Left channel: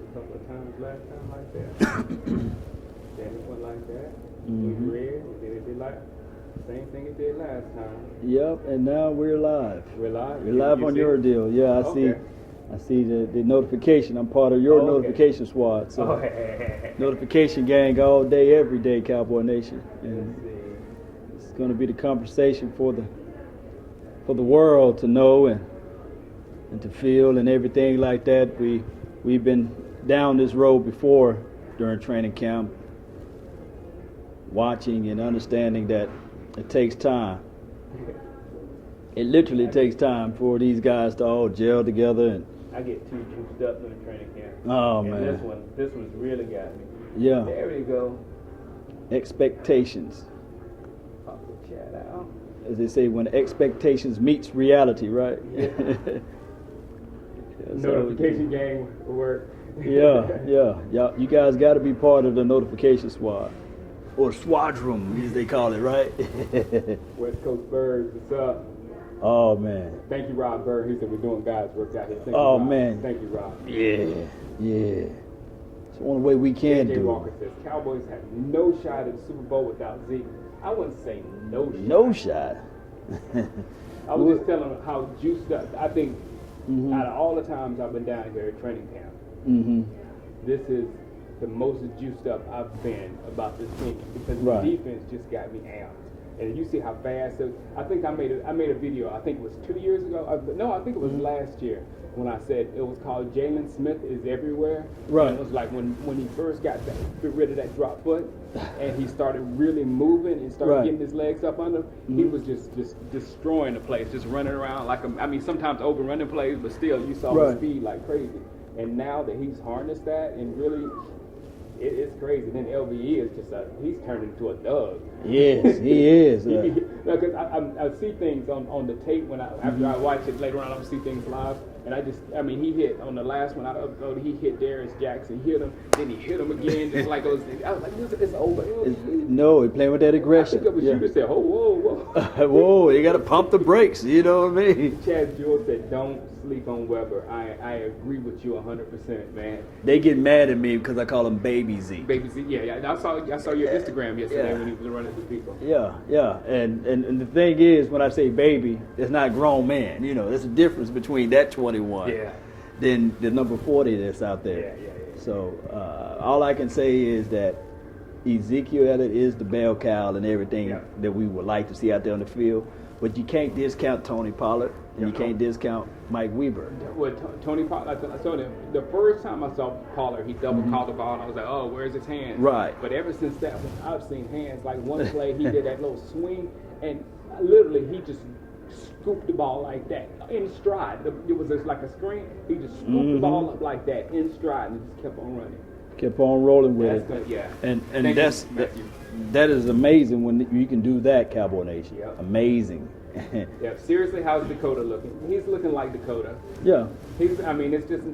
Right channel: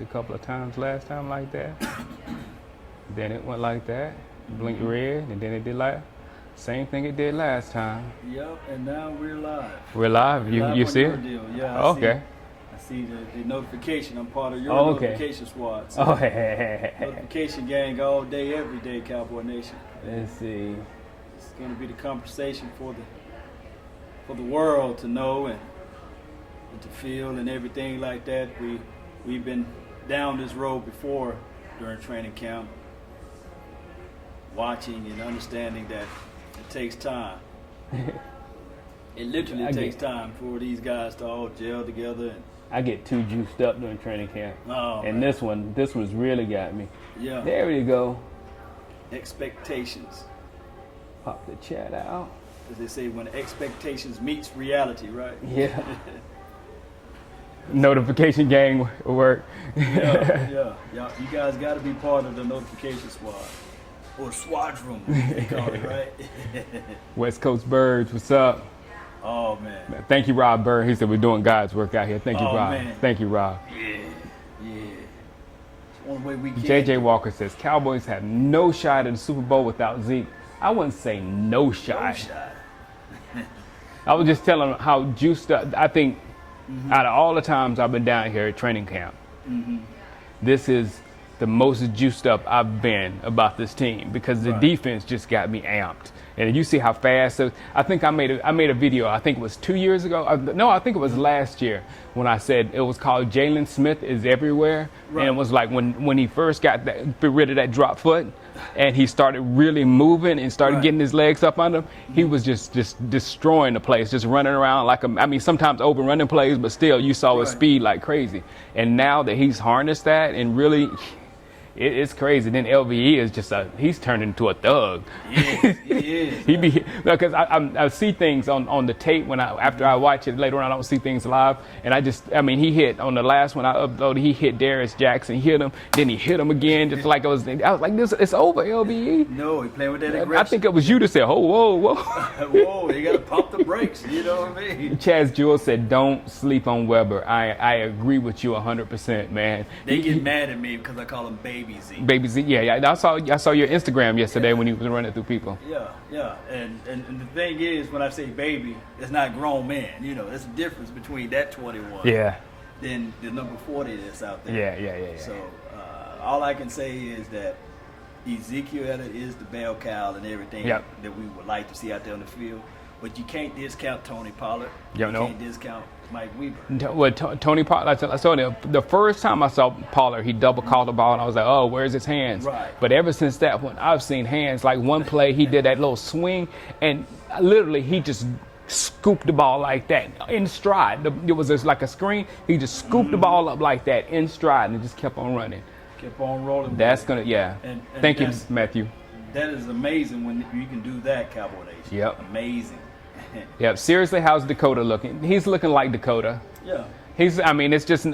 blinked a couple of times last time like that. Then it went like that, blinked red, and then it did like same thing it did last time. Yep, and now we're live. We're live. We're live You on see your it? deal. Yeah, I see the notification. I'm part of your notification squad. So notification gang all day, every day, Cowboy Nation. And let's see. It's going to be the conversation for the world to know and to feel and everything like that. We've been down this road before during training camp, watching and understanding that it takes time. It literally takes time for these guys to all gel together. And I get too juiced up during training camp. Oh, and man. this one's really got me. Yeah. There we go. Expectations. Pop the chat out. As they say, when expectations meets reality, right? Yeah. Notification gang work. Yeah. You guys got to be part of the notification squad. Or squadron, they call it, right? West Coast Birds, what's up? Oh, man. Thank you, Rob Bird. He said we're doing God's work out here. Thank you, Rob. Man. Thank you, Rob. Yeah. It's the only way we can. JJ Walker says Cowboys have no shot at the Super Bowl without Zeke. I wouldn't say no shot. No shot. I was just telling him how juiced up. I think out of all the times I've been down here at training camp, this is the most juiced up I've been about this team because the defense just got me amped. And you see how fast. So I think I made a video. I think it was 2 years ago. No, I think it was last year when I said it was called Jalen Smith is everywhere. Right. And it was like when he first got rid of that drop foot, and he started really moving and started getting his legs up under him. He was just destroying the place, just running around like sometimes open running plays, but still you saw his speed like crazy. And now that he's harnessed that and really. It's crazy. Then LVE is just he's turned into a thug. Yes, he is. Because I see things on the tape after I watch it later on. I don't see things live, and he hit on the last one I uploaded. He hit Darius Jackson, hit him, then he hit him again, just like I was like, this, it's over, LVE. No, he playing with that aggression. I think it was you to say, oh, whoa. Whoa, you got to pump the brakes. You know what I mean? Chaz Jewell said, don't sleep on Weber. I agree with you 100%, man. They get mad at me because I call him Baby Z. Baby Z, yeah. I saw your Instagram yesterday when you was running through people. Yeah. And the thing is, when I say baby, it's not grown man. You know, there's a difference between that 21 than the number 40 that's out there. Yeah. So all I can say is that Ezekiel Elliott is the bell cow and everything that we would like to see out there on the field. But you can't discount Tony Pollard. You can't discount Mike Weber. Well, Tony Pollard, I told him, the first time I saw Pollard, he double called the ball, and I was like, oh, where's his hands? Right. But ever since that one, I've seen hands. Like one play, he did that little swing, and literally he just scooped the ball like that in stride. It was just like a screen. He just scooped the ball up like that in stride and just kept on running. Kept on rolling. That's going to, And thank you, Matthew. That is amazing when you can do that, Cowboy Nation. Yep. Amazing. Yep. Seriously, how's Dakota looking? He's looking like Dakota. Yeah. It's just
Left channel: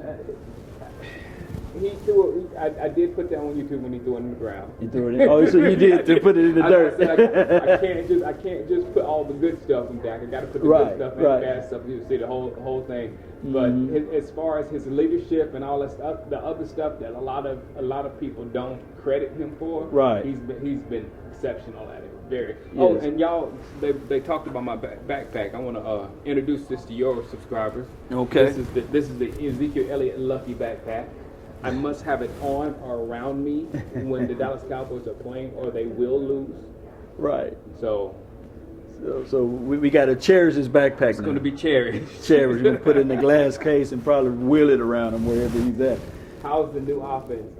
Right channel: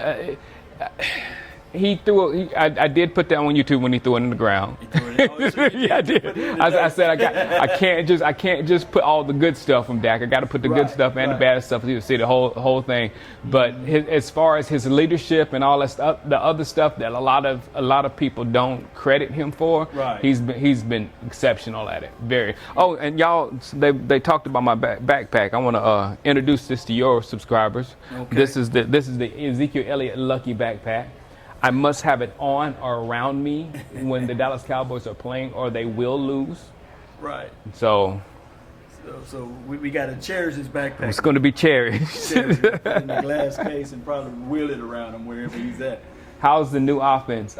he threw. I did put that on YouTube when he threw it in the ground. He threw it in. Oh, so you did put it in the I said I can't just put all the good stuff from Dak. I got to put the good stuff and the bad stuff. You see the whole thing. But as far as his leadership and all that stuff, the other stuff that a lot of people don't credit him for. Right. He's been exceptional at it. Very. Oh, and y'all, they talked about my backpack. I want to introduce this to your subscribers. Okay. This is the Ezekiel Elliott Lucky backpack. I must have it on or around me when the Dallas Cowboys are playing, or they will lose. Right. So we got to cherish this backpack. It's going to be cherished. Cherish. We put it in a glass case and probably wheel it around him wherever he's at. How's the new offense?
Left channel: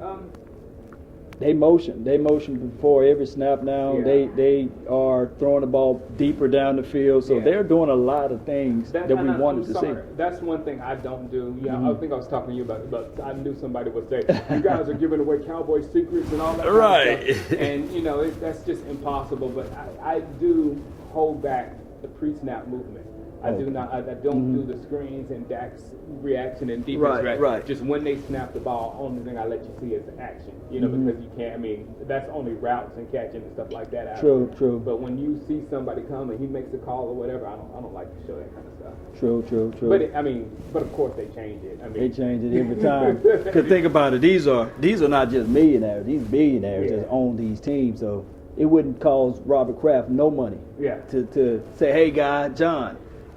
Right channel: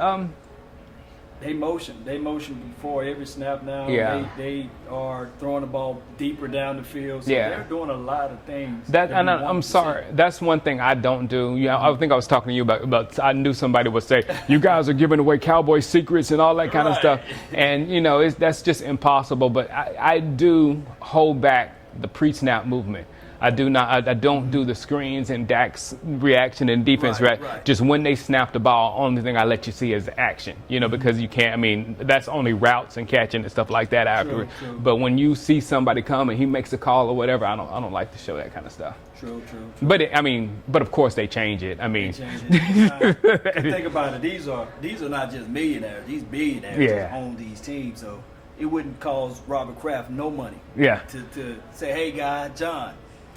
They motion before every snap now. Yeah. They are throwing the ball deeper down the field. So they're doing a lot of things. I'm sorry. That's one thing I don't do. I think I was talking to you about I knew somebody would say, you guys are giving away Cowboy secrets and all that kind of stuff. And, that's just impossible. But I do hold back the pre-snap movement. I do not. I don't do the screens and Dak's reaction and defense reaction. Right. Just when they snap the ball, only thing I let you see is action. Because you can't. I mean, that's only routes and catching and stuff like that afterwards. True. But when you see somebody come and he makes a call or whatever, I don't like to show that kind of stuff. True. But of course they change it. I mean, they change it every time. Because think about it, these are not just millionaires; these billionaires that own these teams. So it wouldn't cost Robert Kraft no money. Yeah. To say, hey, guy, John,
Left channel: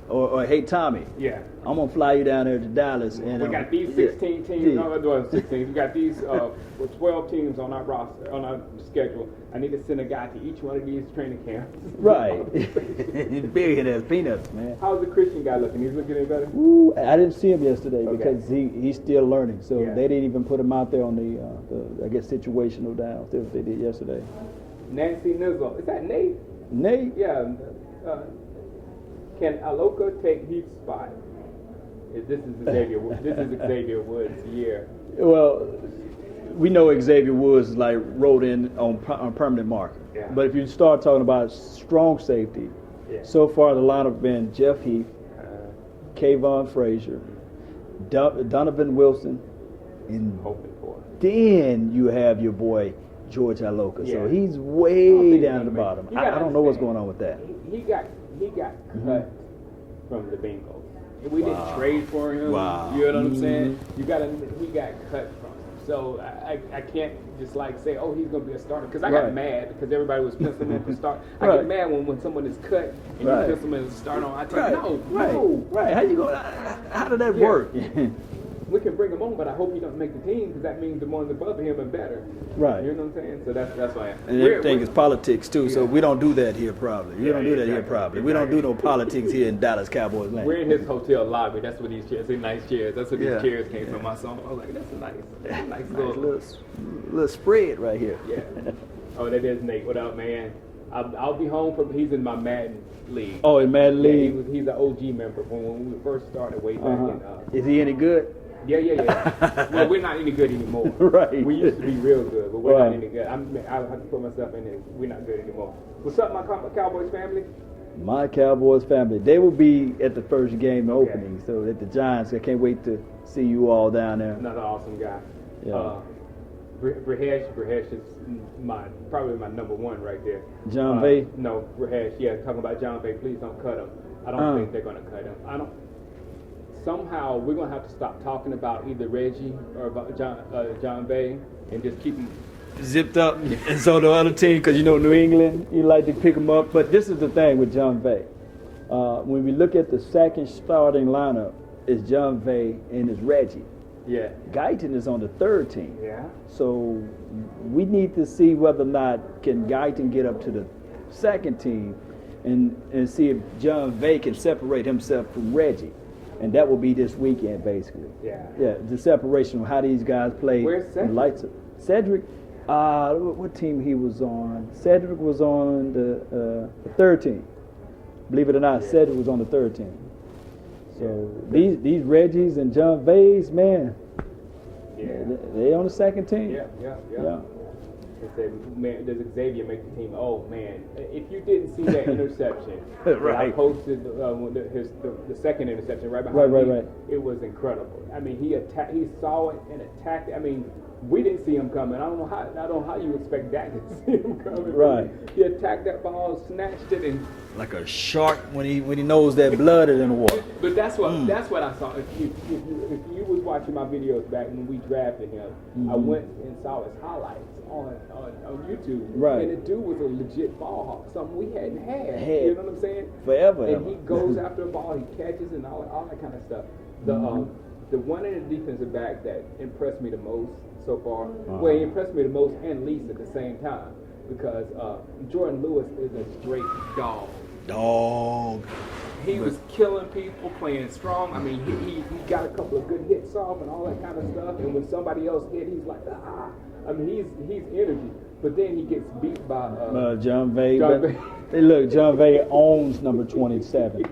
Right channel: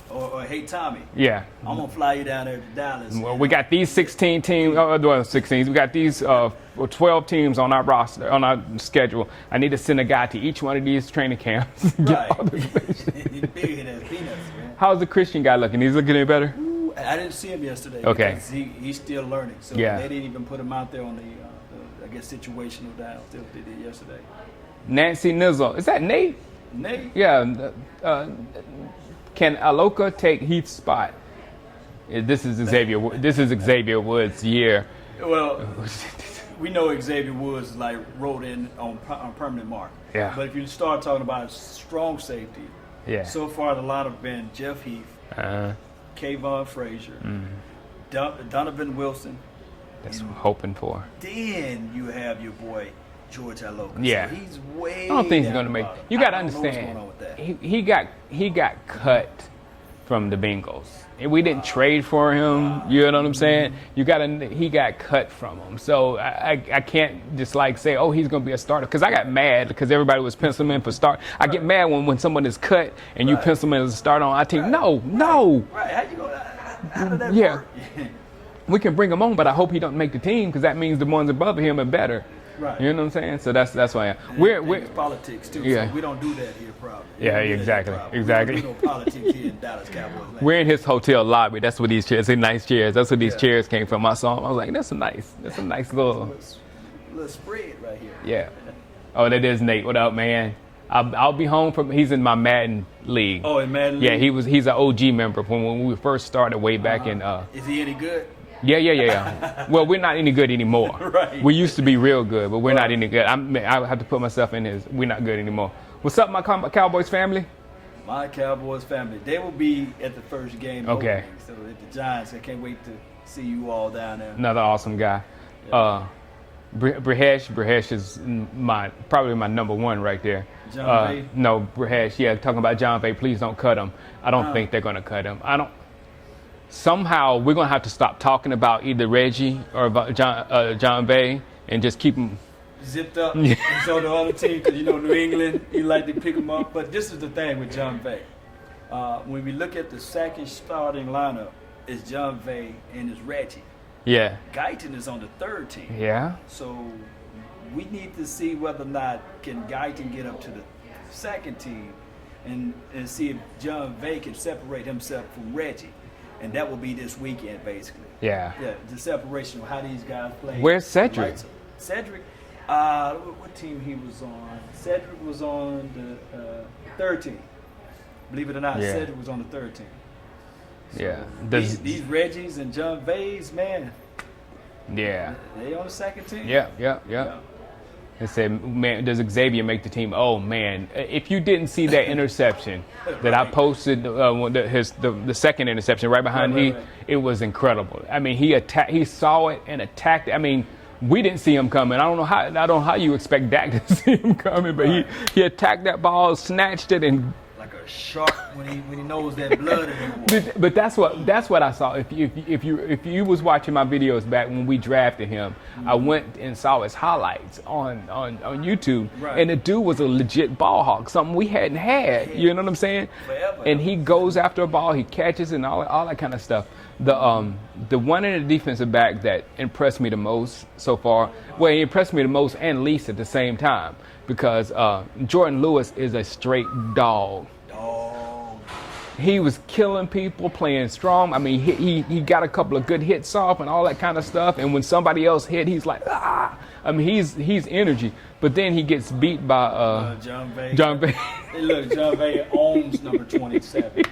or hey, Tommy. Yeah. I'm gonna fly you down there to Dallas. Well, we got these 16 teams. Well, 16. We got these 12 teams on our roster, on our schedule. I need to send a guy to each one of these training camps. Right. Big as peanuts, man. How's the Christian guy looking? He's looking any better? Ooh, I didn't see him yesterday because he's still learning. So they didn't even put him out there on the I guess situational downs. They did yesterday. Nancy Nizzle. Is that Nate? Nate? Yeah. Can Aloka take Heath's spot? This is Xavier Woods' year. Well, we know Xavier Woods is like rolled in on permanent mark. Yeah. But if you start talking about strong safety, so far the lineup been Jeff Heath, Kayvon Frazier, Donovan Wilson. That's what I'm hoping for. Then you have your boy George Aloka. Yeah. So he's way I don't think down he's going to the make. bottom. You got to I don't understand. know what's going on with that. He got cut from the Bengals. And we didn't trade for him. Wow. You know what I'm saying? He got cut from him. So I can't just say, oh, he's going to be a starter. Because I got mad because everybody was penciling him in for start. I get mad when someone is cut and you pencil him as a starter on our team. No. Right. How did that work? We can bring him on, but I hope he don't make the team because that means the ones above him are better. Right. You know what I'm saying? So that's why we're it's politics too. Yeah. So we don't do that here, probably. Exactly. We don't do no politics here in Dallas Cowboys land. We're in his hotel lobby. That's what these chairs. They're nice chairs. That's where these chairs came from. I saw them. I was like, that's a nice little spread right here. Yeah. Oh, that is Nate. What up, man? I'll be home from. He's in my Madden league. Oh, in Madden league. Yeah, he's an OG member from when we first started way back in. Is he any good? Yeah. Well, we're not any good anymore. Right. We used to be real good, but we're not any good. I have to put myself in his. We're not good anymore. What's up, my Cowboys family? My Cowboys family. They will be at the first game opening. So at the Giants, I can't wait to see you all down there. Another awesome guy. Yeah. Brehesh is probably my number one right there. John Bay? No, Brehesh. Yeah, talking about John Bay. Please don't cut him. I don't think they're going to cut him. Somehow we're going to have to stop talking about either Reggie or about John Bay and just keep him zipped up. And so the other team, because New England, you like to pick them up. But this is the thing with John Bay. When we look at the second starting lineup, it's John Bay and it's Reggie. Yeah. Guyton is on the third team. Yeah. So we need to see whether or not can Guyton get up to the second team and see if John Bay can separate himself from Reggie. And that will be this weekend, basically. Yeah. Yeah, the separation of how these guys play. Where's Cedric? Cedric, what team he was on? Cedric was on the third team. Believe it or not, Cedric was on the third team. So these Reggies and John Bays, man. Yeah. They on the second team. Yeah. They said, man, does Xavier make the team? Oh, man. If you didn't see that interception that I posted, the second interception right behind me, it was incredible. I mean, he saw it and attacked it. I mean, we didn't see him coming. I don't know how you expect Dak to see him coming, but he attacked that ball, snatched it, and like a shark when he knows that blood is in the water. But that's what I saw. If you was watching my videos back when we drafted him, I went and saw his highlights on YouTube, and the dude was a legit ball hawk, something we hadn't had. You know what I'm saying? Forever. And he goes after a ball, he catches and all that kind of stuff. The one in the defensive back that impressed me the most so far, well, he impressed me the most and least at the same time, because Jordan Lewis is a straight dog. He was killing people, playing strong. I mean, he got a couple of good hits off and all that kind of stuff. And when somebody else hit, he's like, ah. I mean, he's energy. But then he gets beat by John Bay. Bay. John Bay owns number 27.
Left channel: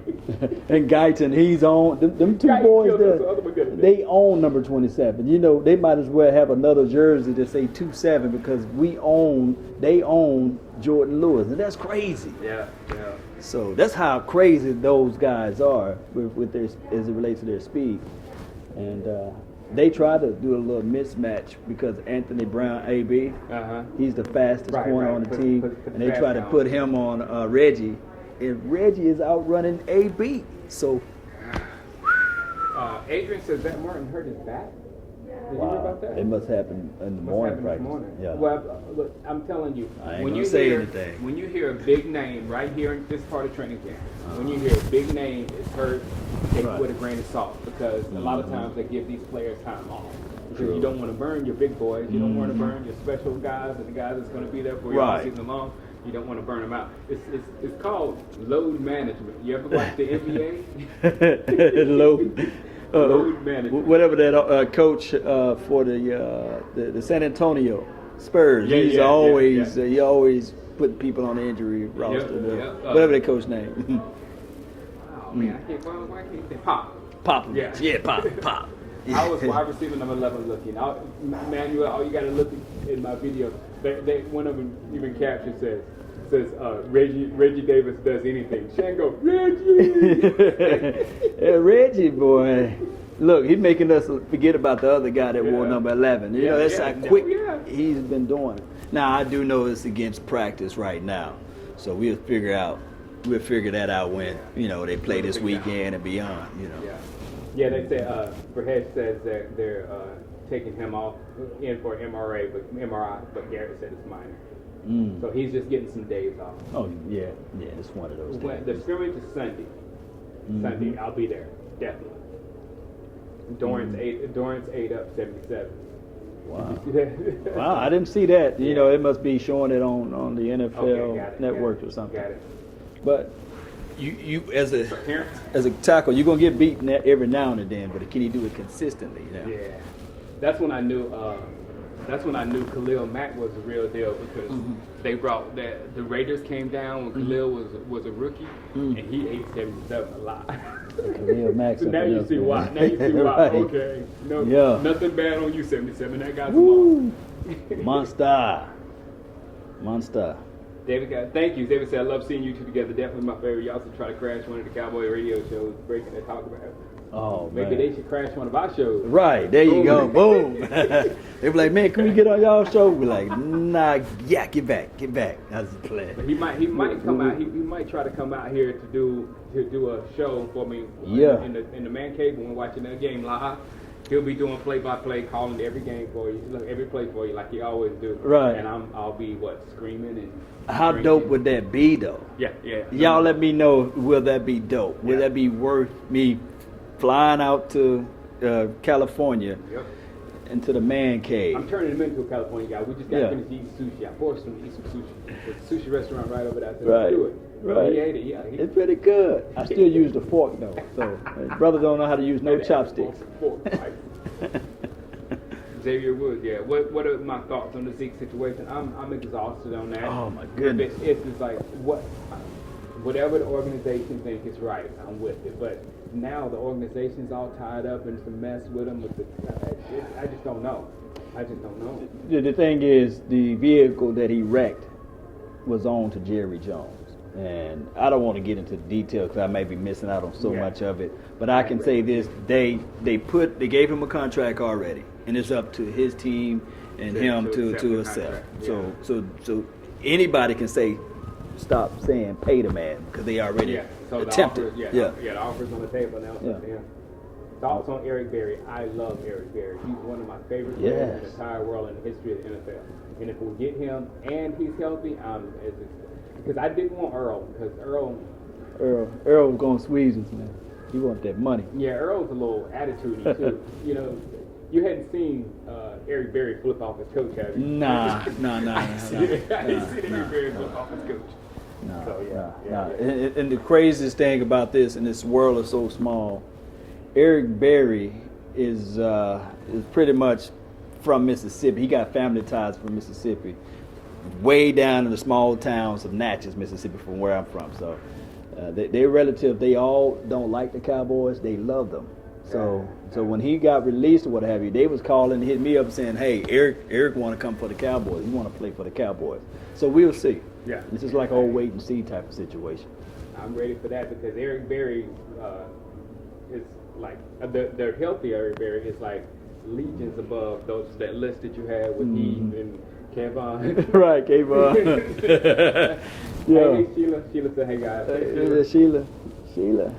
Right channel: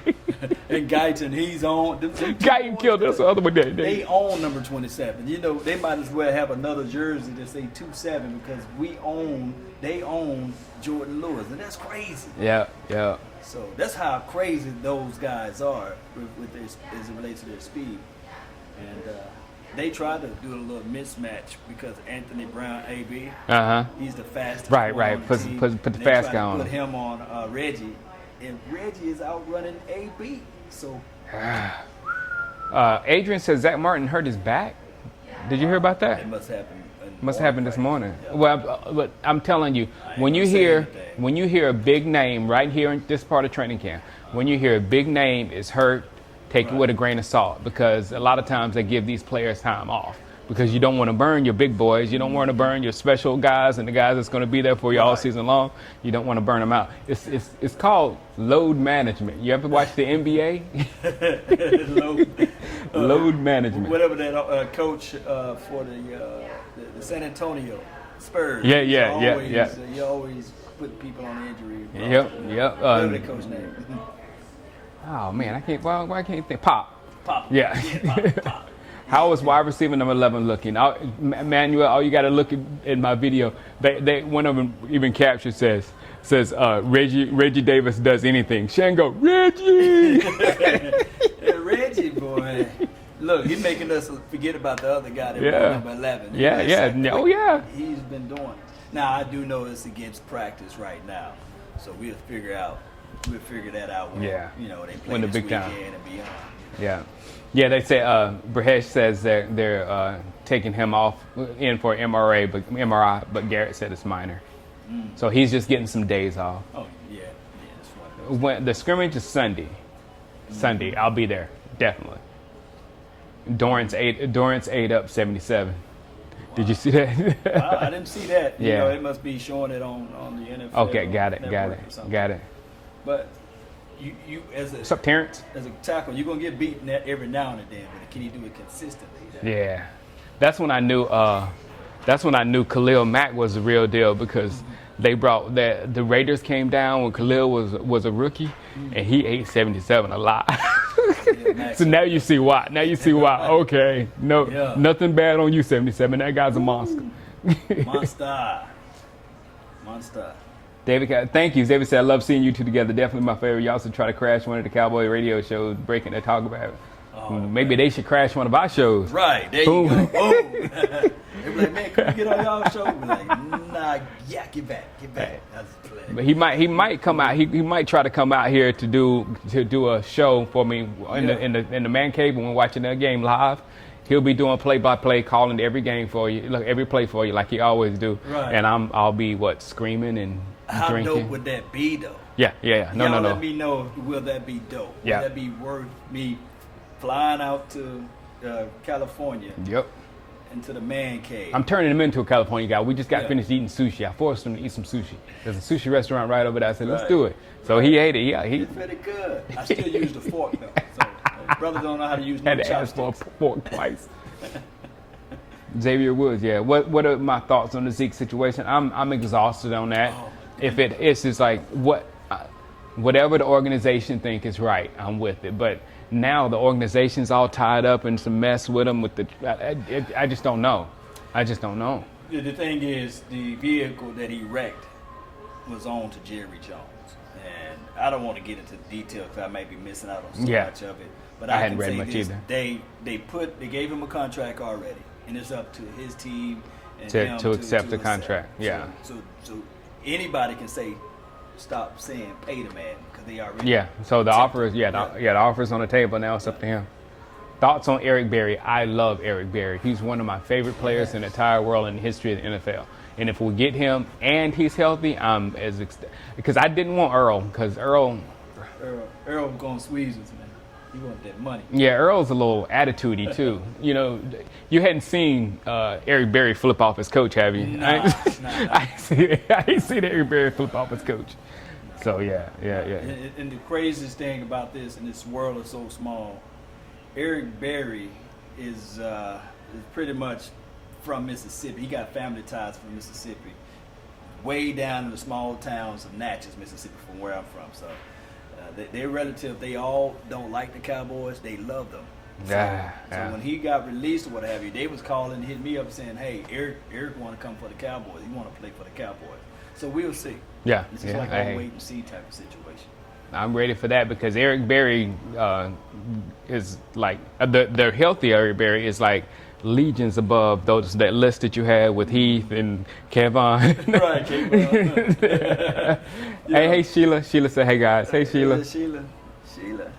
And Guyton, he's on. Them two Guyton boys killed us the other one. They own number 27. They might as well have another jersey that say 27 because they own Jordan Lewis. And that's crazy. Yeah. So that's how crazy those guys are with their, as it relates to their speed. And they try to do a little mismatch because Anthony Brown, AB, he's the fastest corner on the team. Put the and fast they try guy to on. put him on Reggie, and Reggie is outrunning AB. So Adrian says Zach Martin hurt his back. Did you hear about that? it must happen. Must happen this morning. Yeah. Well, but I'm telling you, when you hear a big name right here in this part of training camp, when you hear a big name is hurt, take it with a grain of salt, because a lot of times they give these players time off because you don't want to burn your big boys, you don't want to burn your special guys and the guys that's going to be there for you all season long. You don't want to burn them out. It's called load management. You ever watch the NBA? Load management. Whatever that coach for the San Antonio Spurs. He always put people on the injury roster. Whatever their coach name. Oh man, I can't. Why can't you think? Pop. Yeah, Pop. How is wide receiver number 11 looking? Manuel, all you got to look in my video. They one of them even captured says Reggie Davis does anything. Shango, Reggie. Yeah, Reggie boy. Look, he's making us forget about the other guy that wore number 11. He's been doing it. Now I do know it's against practice right now, so we'll figure that out when they play this weekend and beyond. Yeah, they say Brehesh says they're taking him off in for MRI, but Garrett said it's minor. So he's just getting some days off. Oh yeah, it's one of those. When the scrimmage is Sunday, I'll be there definitely. Dorrance ate up 77. Wow. Did you see that? I didn't see that. You know, it must be showing it on the NFL network or something. Got it. But you as a what's up, Terrence? As a tackle, you're gonna get beaten every now and then, but can you do it consistently? Yeah, that's when I knew. That's when I knew Khalil Mack was the real deal, because they brought the Raiders came down when Khalil was a rookie, and he ate 77 a lot. So now you see why. Now you see why. Okay, nothing bad on you, 77. That guy's a monster. Monster. David, thank you. David said, I love seeing you two together. Definitely my favorite. You also try to crash one of the Cowboy radio shows, breaking the talk about it. Maybe they should crash one of our shows. Right, there you go. Boom. They be like, man, can we get on y'all show? We're like, nah, get back. That's the plan. But he might come out. He might try to come out here to do a show for me in the man cave when we're watching the game live. He'll be doing play-by-play, calling every game for you, every play for you, like he always do. Right. And I'll be screaming and how drinking. dope would that be, though? Yeah. Y'all let me know. Will that be dope? Will that be worth me flying out to California? Yep. Into the man cave. I'm turning him into a California guy. We just got finished eating sushi. I forced him to eat some sushi. There's a sushi restaurant right over there. I said, let's do it. So he ate it. It's pretty good. I still use the fork, though. So brothers don't know how to use no chopsticks. Fork twice. Xavier Woods, What are my thoughts on the Zeke situation? I'm exhausted on that. Oh my goodness. It's just like whatever the organization think is right, I'm with it. But now the organization's all tied up in some mess with them. I just don't know. The thing is, the vehicle that he wrecked was on to Jerry Jones. And I don't want to get into detail because I may be missing out on so much of it. But I can say this: they gave him a contract already, and it's up to his team and him to accept the contract. Yeah. So anybody can say, stop saying pay the man, because they already So the offer, the offer's on the table now. It's up to him. Thoughts on Eric Berry? I love Eric Berry. He's one of my favorite players in the entire world in the history of the NFL. And if we get him and he's healthy, I'm because I didn't want Earl, because Earl was going to squeeze us, man. He want that money. Yeah, Earl's a little attitudey too. You hadn't seen Eric Berry flip off his coach, have you? Nah. I ain't seen Eric Berry flip off his coach. So yeah. And the craziest thing about this, and this world is so small, Eric Berry is pretty much from Mississippi. He got family ties from Mississippi, way down in the small towns of Natchez, Mississippi, from where I'm from. So their relative, they all don't like the Cowboys. They love them. So when he got released or what have you, they was calling, hit me up saying, hey, Eric want to come for the Cowboys. He want to play for the Cowboys. So we'll see. Yeah. This is like a wait and see type of situation. I'm ready for that because Eric Berry is like the healthy Eric Berry is like legions above that list that you had with Heath and Kevon. Right, Kevon. Hey Sheila. Sheila said, "Hey guys." Hey Sheila. Sheila.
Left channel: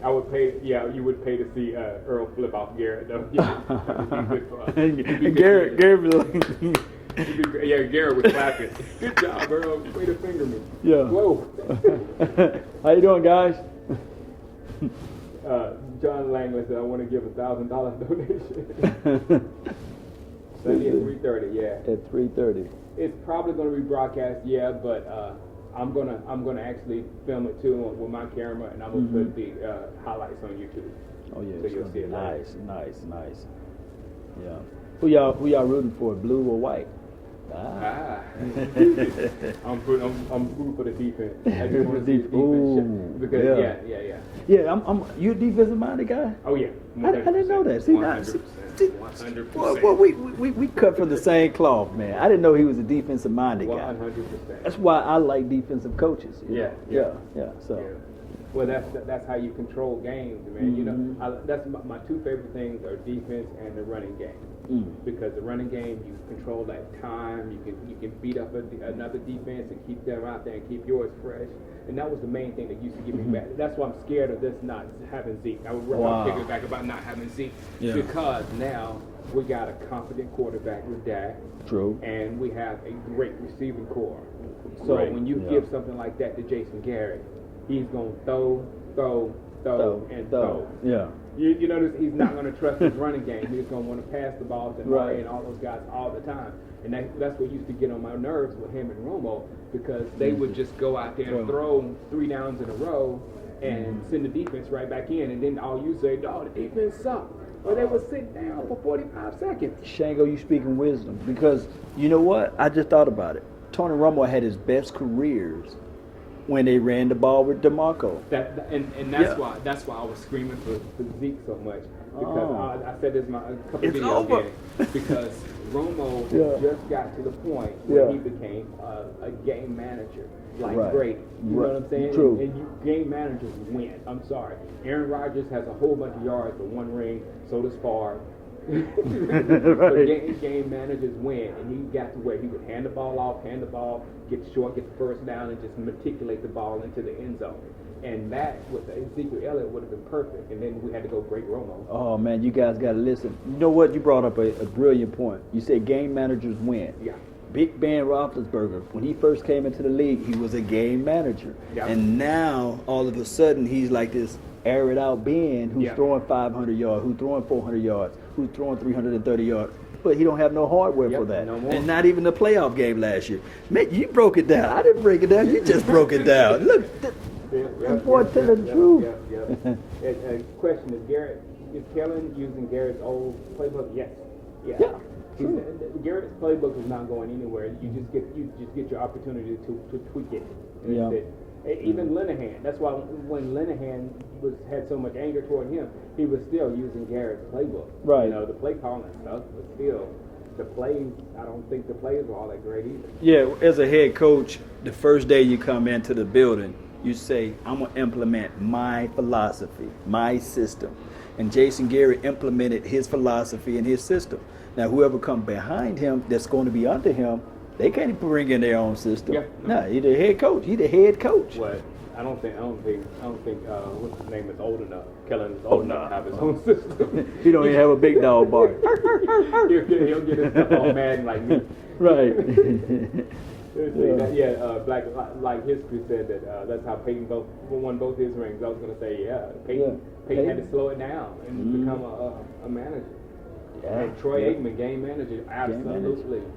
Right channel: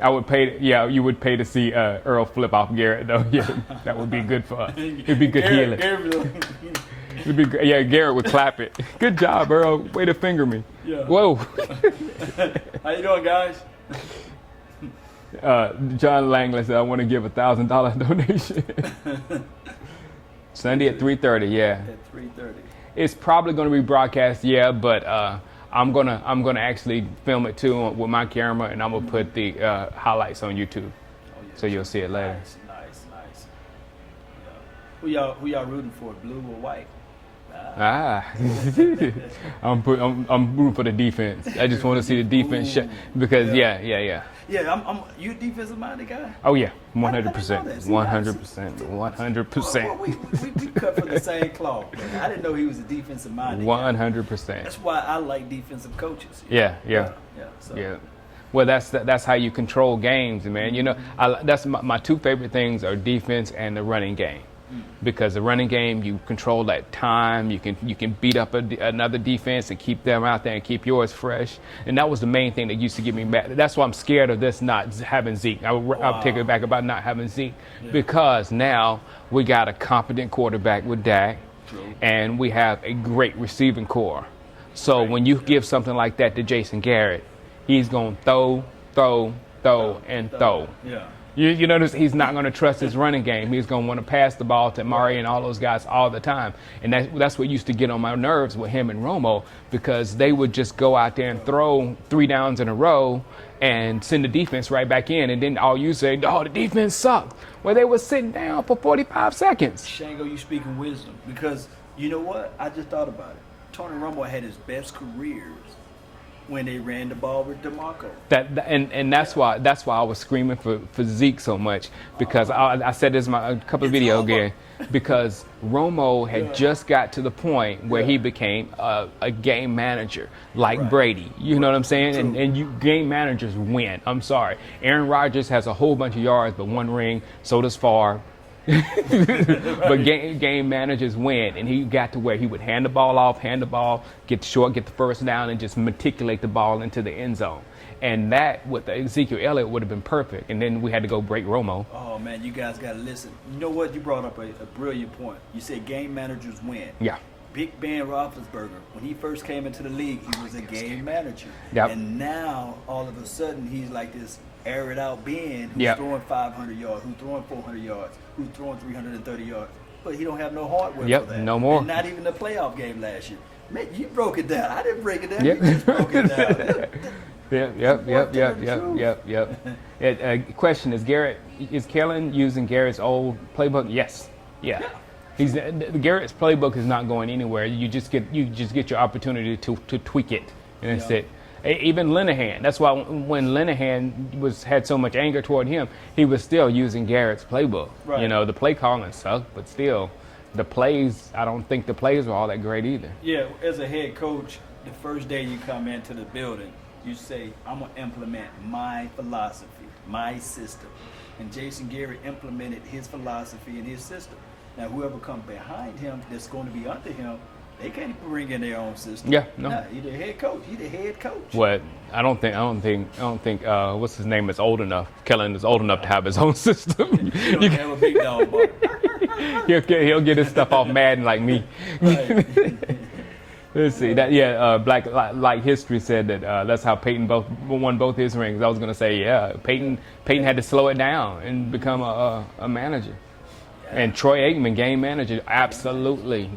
I would pay. Yeah, you would pay to see Earl flip off Garrett though. Yeah, that would be good for us. It'd be good healing. Garrett would clap it. Good job, Earl. Way to finger me. Yeah. Whoa. How you doing, guys? John Langley said, "I want to give $1,000 donation." Sunday at 3:30. Yeah. At 3:30. It's probably going to be broadcast. Yeah, but I'm gonna actually film it too with my camera, and I'm gonna put the highlights on YouTube. Oh yeah. So you'll see it later. Nice. Yeah. Who y'all rooting for? Blue or white? I'm rooting for the defense. I just want to see the defense because yeah. Yeah, you a defensive minded guy? Oh yeah, 100%. 100%. Well, we cut from the same cloth, man. I didn't know he was a defensive minded guy. 100%. That's why I like defensive coaches. Yeah. Well, that's how you control games, man. You know, that's my two favorite things are defense and the running game. Because the running game, you control that time. You can beat up another defense and keep them out there and keep yours fresh. And that was the main thing that used to get me mad. That's why I'm scared of this not having Zeke. I'll take it back about not having Zeke because now we got a competent quarterback with Dak. True. And we have a great receiving core. So when you give something like that to Jason Garrett, he's going to throw. Yeah. You notice he's not going to trust his running game. He's going to want to pass the ball to Murray and all those guys all the time. And that's what used to get on my nerves with him and Romo because they would just go out there and throw 3 downs in a row and send the defense right back in. And then all you say, oh, the defense sucked. Well, they were sitting down for 45 seconds. Shango, you speaking wisdom because you know what? I just thought about it. Tony Romo had his best careers when they ran the ball with DeMarco. That's why I was screaming for Zeke so much because I said this in a couple of videos again because Romo had just got to the point where he became a game manager like Brady. You know what I'm saying? And game managers win. I'm sorry. Aaron Rodgers has a whole bunch of yards but 1 ring. So does Favre. But game managers win, and he got to where he would hand the ball, get short, get the first down, and just matriculate the ball into the end zone. And that with Ezekiel Elliott would have been perfect. And then we had to go break Romo. Oh man, you guys got to listen. You know what? You brought up a brilliant point. You said game managers win. Yeah. Big Ben Roethlisberger, when he first came into the league, he was a game manager. Yep. And now all of a sudden he's like this aired out Ben who's throwing 500 yards, who's throwing 400 yards, who's throwing 330 yards. But he don't have no hardware for that. No more. And not even the playoff game last year. Man, you broke it down. I didn't break it down. You just broke it down. Yep. Question is Kellen using Garrett's old playbook? Yes. Yeah. Garrett's playbook is not going anywhere. You just get your opportunity to tweak it, and that's it. Even Linehan. That's why when Linehan had so much anger toward him, he was still using Garrett's playbook. Right. You know, the play calling sucked, but still, the plays. I don't think the plays were all that great either. Yeah, as a head coach, the first day you come into the building, you say, "I'm gonna implement my philosophy, my system," and Jason Garrett implemented his philosophy and his system. Now, whoever comes behind him, that's going to be under him. They can't even bring in their own system. Yeah, no. Nah, he's the head coach. He's the head coach. What? I don't think. What's his name is old enough. Kellen is old enough to have his own system. You don't even have a big dog bark. he'll get his stuff off Madden like me. Right. Let's see. Black Light History said that that's how Peyton won both his rings. I was gonna say Peyton had to slow it down and become a manager. And Troy Aikman, game manager, absolutely.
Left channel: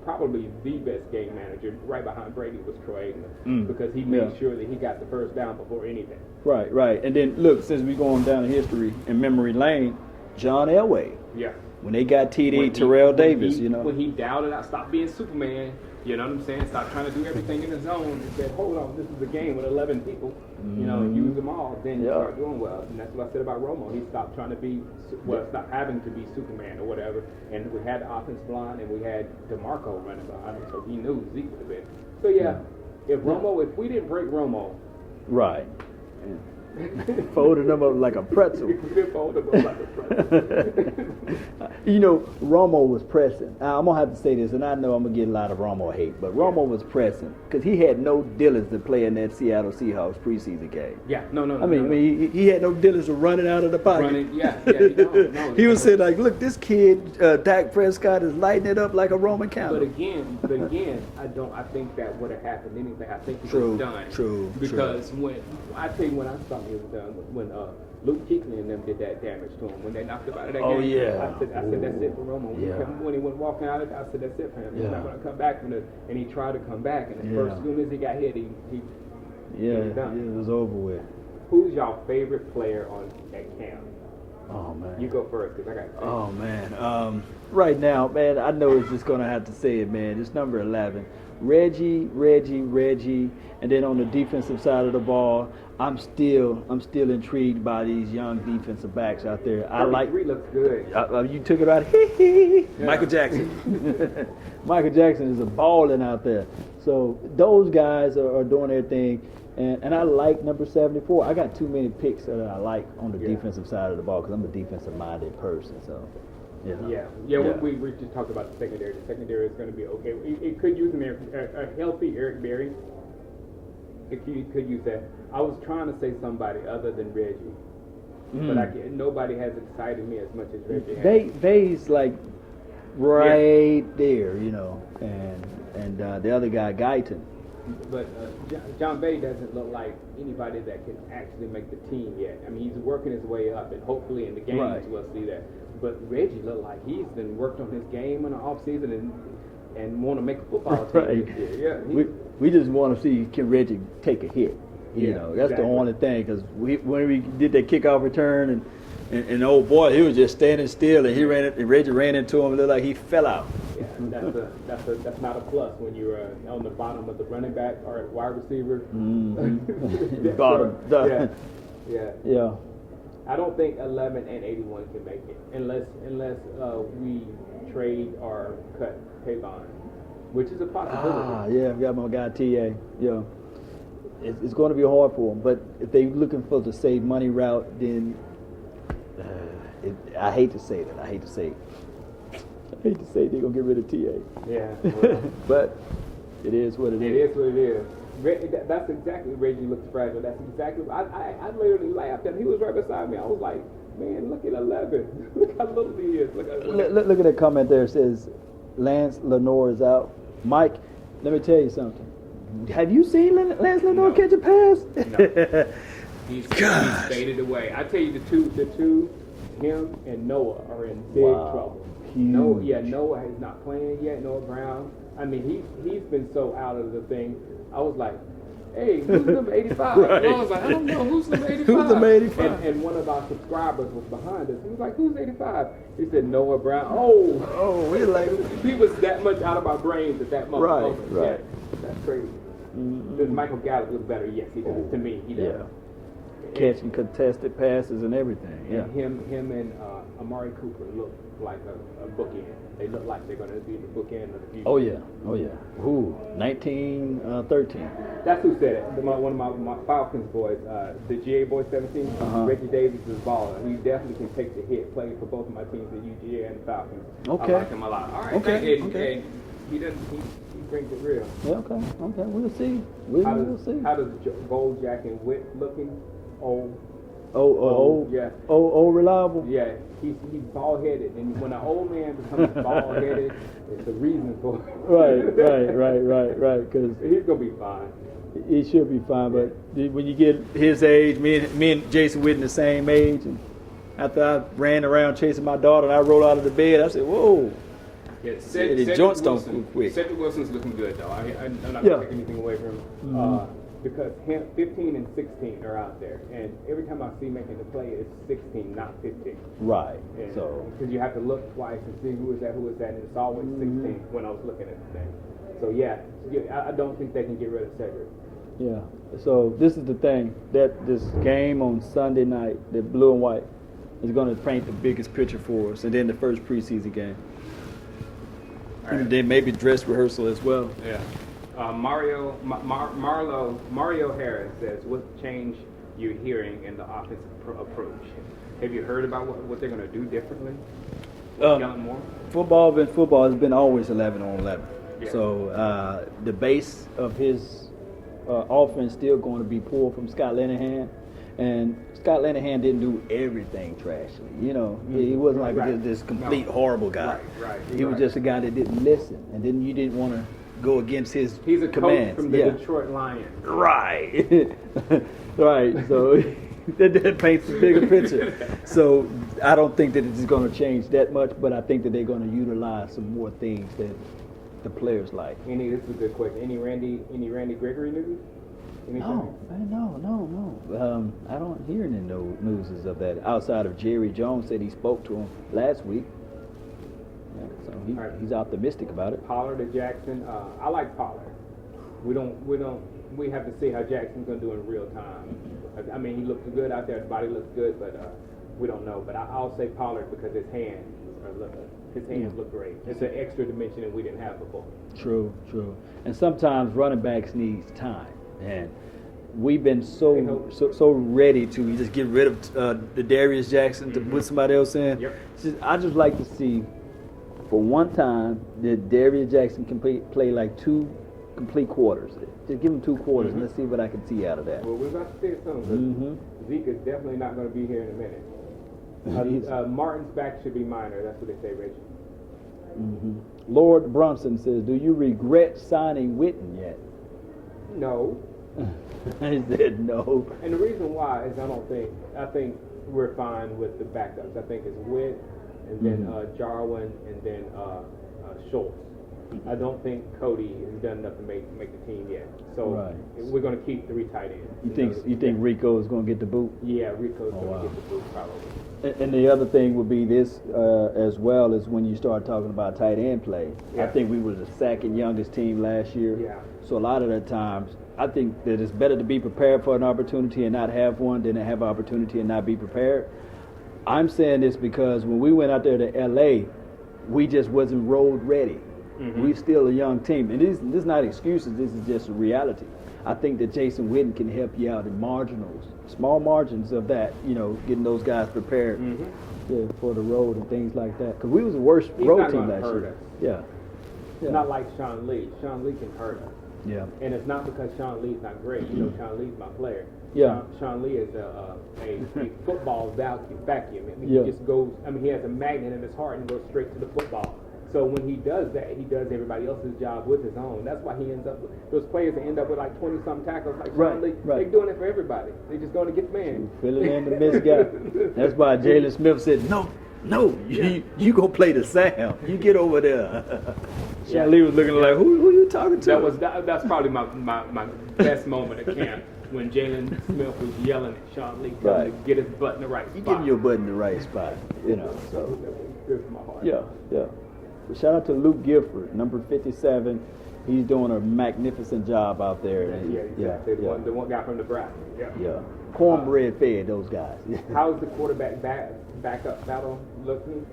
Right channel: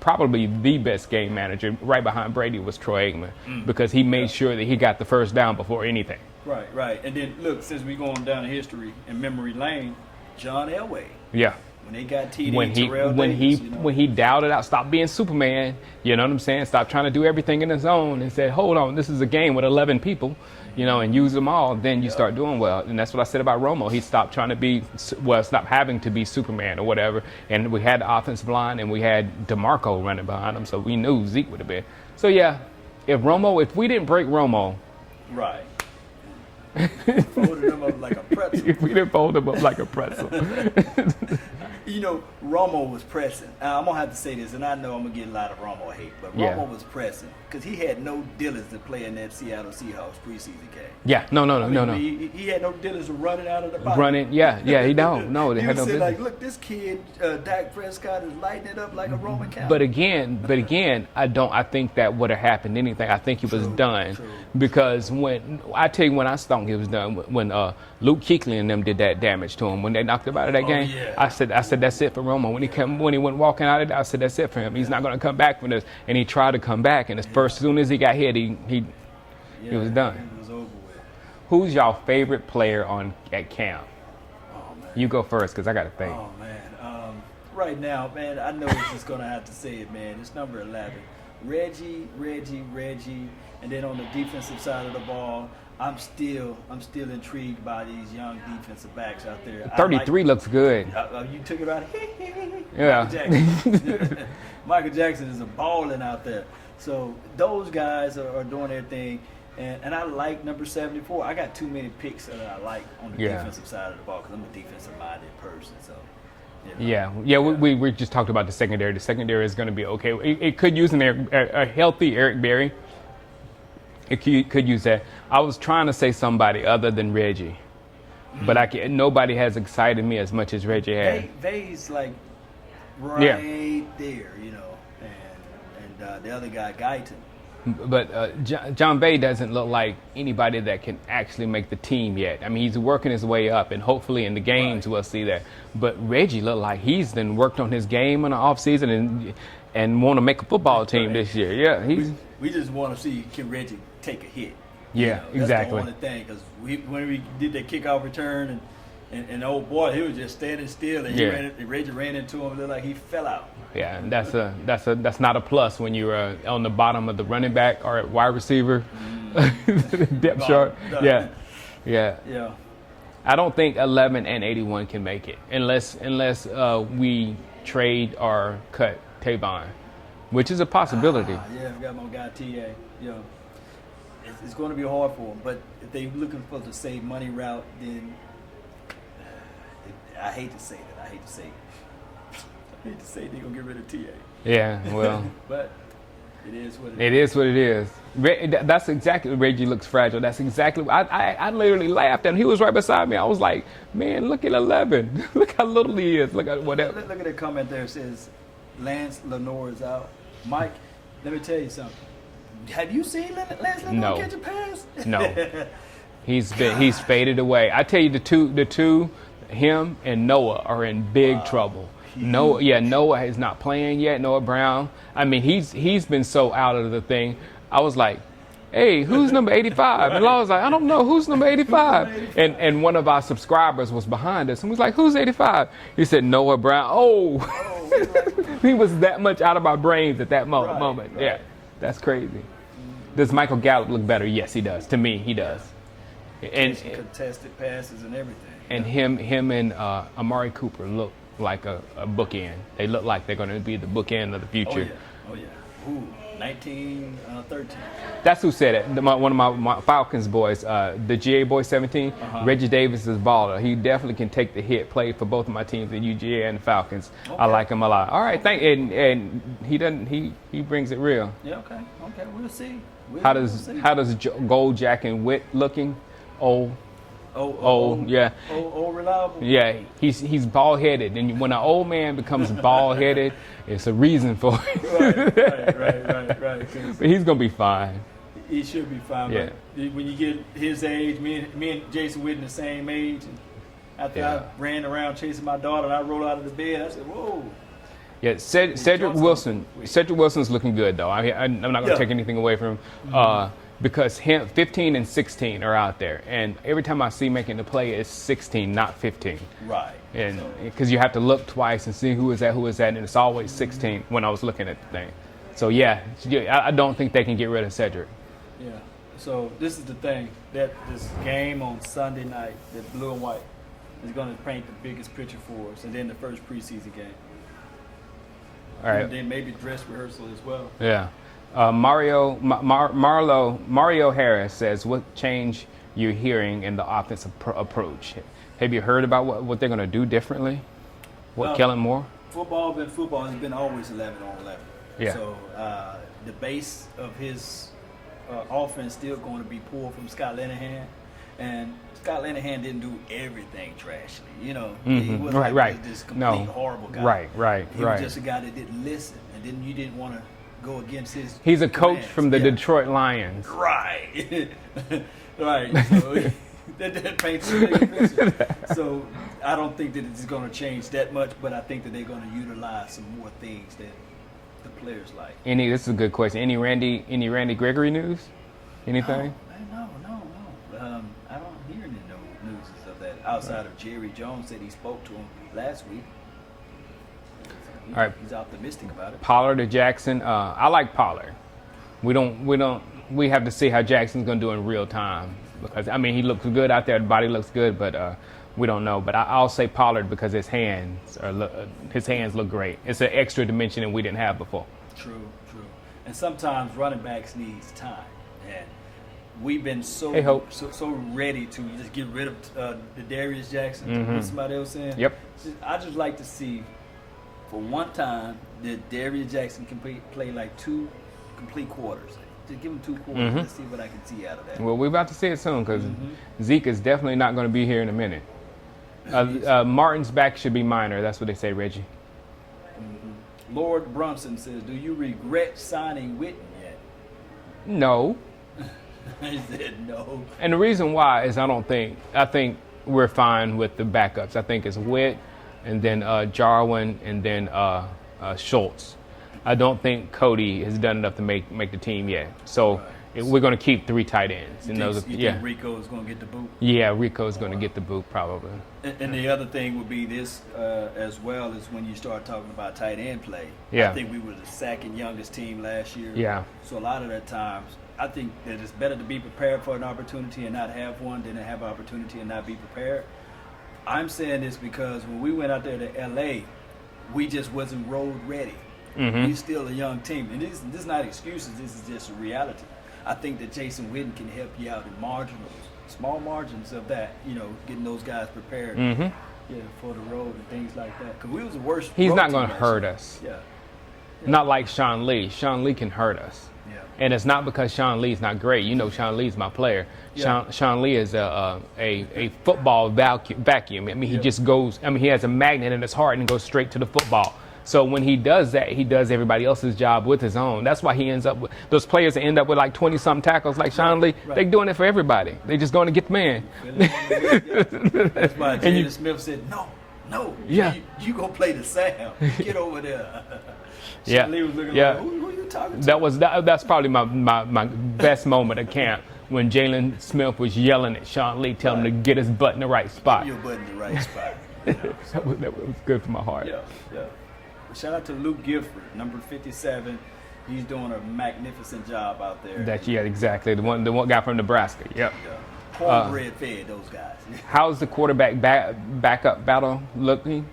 Probably the best game manager, right behind Brady, was Troy Aikman because he made sure that he got the first down before anything. Right. And then look, since we're going down in history in memory lane, John Elway. Yeah. When they got TD Terrell Davis, when he doubted out, stopped being Superman, you know what I'm saying? Stopped trying to do everything in his own and said, hold on, this is a game with 11 people, and use them all. Then you start doing well. And that's what I said about Romo. He stopped trying to stopped having to be Superman or whatever. And we had the offensive line and we had DeMarco running behind him, so we knew Zeke would have been. So if we didn't break Romo, Right. Folded them up like a pretzel. We didn't fold them up like a pretzel. You know, Romo was pressing. Now, I'm going to have to say this, and I know I'm going to get a lot of Romo hate, but Romo was pressing because he had no dealings to play in that Seattle Seahawks preseason game. Yeah, no. He had no dealings to run it out of the pocket. He don't. He was saying, like, look, this kid, Dak Prescott, is lighting it up like a Roman candle. But again, I think that would have happened anything. I think he was done. Because when I thought he was done, when Luke Kuechly and them did that damage to him, when they knocked him out of that game, yeah. I said that's it for Romo. When he went walking out of there, I said that's it for him. He's not going to come back from this. And he tried to come back, and as soon as he got hit, he was done. It was over with. Who's y'all favorite player at camp? Oh man. You go first, because I got to think. Oh man. Right now, man, I know it's just gonna have to say it, man. It's number 11, Reggie, and then on the defensive side of the ball, I'm still intrigued by these young defensive backs out there. 33 looks good. You took it out. Michael Jackson. Michael Jackson is a balling out there. So those guys are doing their thing. And I like number 74. I got too many picks that I like on the defensive side of the ball because I'm a defensive-minded person. So, we just talked about the secondary. The secondary is going to be okay. It could use a healthy Eric Berry. It could use that. I was trying to say somebody other than Reggie, but nobody has excited me as much as Reggie has. They's like right there, you know, and the other guy, Guyton. But John Bay doesn't look like anybody that can actually make the team yet. I mean, he's working his way up, and hopefully in the games we'll see that. But Reggie looked like he's then worked on his game in the offseason and want to make a football team this year. Yeah, we just want to see can Reggie take a hit. That's the only thing because when we did that kickoff return and old boy, he was just standing still and Reggie ran into him and looked like he fell out. Yeah, that's not a plus when you're on the bottom of the running back or at wide receiver. Depth chart. Yeah. I don't think 11 and 81 can make it unless we trade or cut Tavon, which is a possibility. I forgot my guy TA. Yeah, it's going to be hard for them. But if they're looking for the save money route, then I hate to say that. I hate to say they're going to get rid of TA. Yeah, well. But it is what it is. It is what it is. That's exactly, Reggie looks fragile. That's exactly, I literally laughed and he was right beside me. I was like, man, look at 11. Look how little he is. Look at that comment there. It says, Lance Lenore is out. Mike, let me tell you something. Have you seen Lance Lenore catch a pass? No. He's faded away. I tell you, the two, him and Noah are in big trouble. Noah is not playing yet. Noah Brown. I mean, he's been so out of the thing. I was like, hey, who's number 85? And I was like, I don't know, who's number 85? Who's number 85? And one of our subscribers was behind us and was like, who's 85? He said, Noah Brown. Oh, he was that much out of my brains at that moment. Right. Yeah, that's crazy. Does Michael Gallup look better? Yes, he does. To me, he does. And contested passes and everything. And him and Amari Cooper look like a bookend. They look like they're going to be the bookend of the future. Oh yeah. Ooh, 1913. That's who said it. One of my Falcons boys, the GA boy 17. Reggie Davis is baller. He definitely can take the hit. Played for both of my teams, the UGA and the Falcons. Okay. I like him a lot. All right, and he doesn't. He brings it real. Yeah. Okay. We'll see. How does Gold Jack and Witt looking? Old, reliable. Yeah, he's bald headed, and when an old man becomes bald headed, it's a reason for it. Right. But he's gonna be fine. He should be fine. Yeah. But when you get his age, me and Jason Witten the same age, and after I ran around chasing my daughter, and I rolled out of the bed, I said, "Whoa." Yeah, Cedric Wilson's looking good though. I'm not gonna take anything away from him. Because 15 and 16 are out there, and every time I see making the play, it's 16, not 15. Right. And because you have to look twice and see who is that, and it's always 16 when I was looking at the thing. So I don't think they can get rid of Cedric. Yeah. So this is the thing, that this game on Sunday night, that blue and white, is going to paint the biggest picture for us, and then the first preseason game. All right. And then maybe dress rehearsal as well. Yeah. Mario Harris says, what change you're hearing in the offensive approach? Have you heard about what they're going to do differently? Kellen Moore? Football has been always 11 on 11. Yeah. So the base of his offense still going to be pulled from Scott Linehan. And Scott Linehan didn't do everything trashly. You know, he wasn't this complete horrible guy. Right. He was just a guy that didn't listen. And then you didn't want to go against his He's a commands. coach from the Detroit Lions. Right. Right. So that paints a bigger picture. So I don't think that it's going to change that much, but I think that they're going to utilize some more things that the players like. This is a good question. Any Randy Gregory news? Anything? No. I don't hear any news of that outside of Jerry Jones said he spoke to him last week. So All right. He's optimistic about it. Pollard or Jackson? I like Pollard. We have to see how Jackson's going to do in real time. Because, he looks good out there. The body looks good, but we don't know. But I'll say Pollard because his hands look great. It's an extra dimension that we didn't have before. True. And sometimes running backs needs time. And we've been so ready to just get rid of the Darius Jackson to put somebody else in. Yep. I just like to see for one time that Darius Jackson can play like 2 complete quarters. Just give him 2 quarters. Let's see what I can see out of that. Well, we're about to see it soon because Zeke is definitely not going to be here in a minute. Martin's back should be minor. That's what they say, Reggie. Lord Brunson says, do you regret signing Witten yet? No. He said no. And the reason why is I think we're fine with the backups. I think it's Witt and then Jarwin and then Schultz. I don't think Cody has done enough to make the team yet. So we're going to keep 3 tight ends. You think Rico is going to get the boot? Yeah, Rico is going to get the boot probably. And the other thing would be this as well is when you start talking about tight end play. Yeah. I think we were the 2nd youngest team last year. Yeah. So a lot of the times, I think that it's better to be prepared for an opportunity and not have one than to have an opportunity and not be prepared. I'm saying this because when we went out there to L.A., we just wasn't road ready. We're still a young team. And this is not excuses. This is just a reality. I think that Jason Witten can help you out in small margins of that, getting those guys prepared for the road and things like that. Because we was the worst He's road not team going to last hurt year. us. Yeah. Not like Sean Lee. Sean Lee can hurt us. Yeah. And it's not because Sean Lee's not great. Sean Lee's my player. Yeah. Sean Lee is a football vacuum. He just goes, he has a magnet in his heart and goes straight to the football. So when he does that, he does everybody else's job with his own. That's why he ends up with those players that end up with like 20-something tackles like Sean Lee. They're doing it for everybody. They're just going to get the man. That's why Jalen Smith said, no, you go play the Sam. You get over there. Sean Lee was looking like, who are you talking to? That's probably my best moment of camp when Jalen Smith was yelling at Sean Lee, telling him to get his butt in the right spot. Get your butt in the right spot. That was good for my heart. Yeah. Shout out to Luke Gifford, number 57. He's doing a magnificent job out there. Exactly. The one guy from Nebraska. Yep. Yeah. Cornbread fed those guys. How's the quarterback backup battle looking?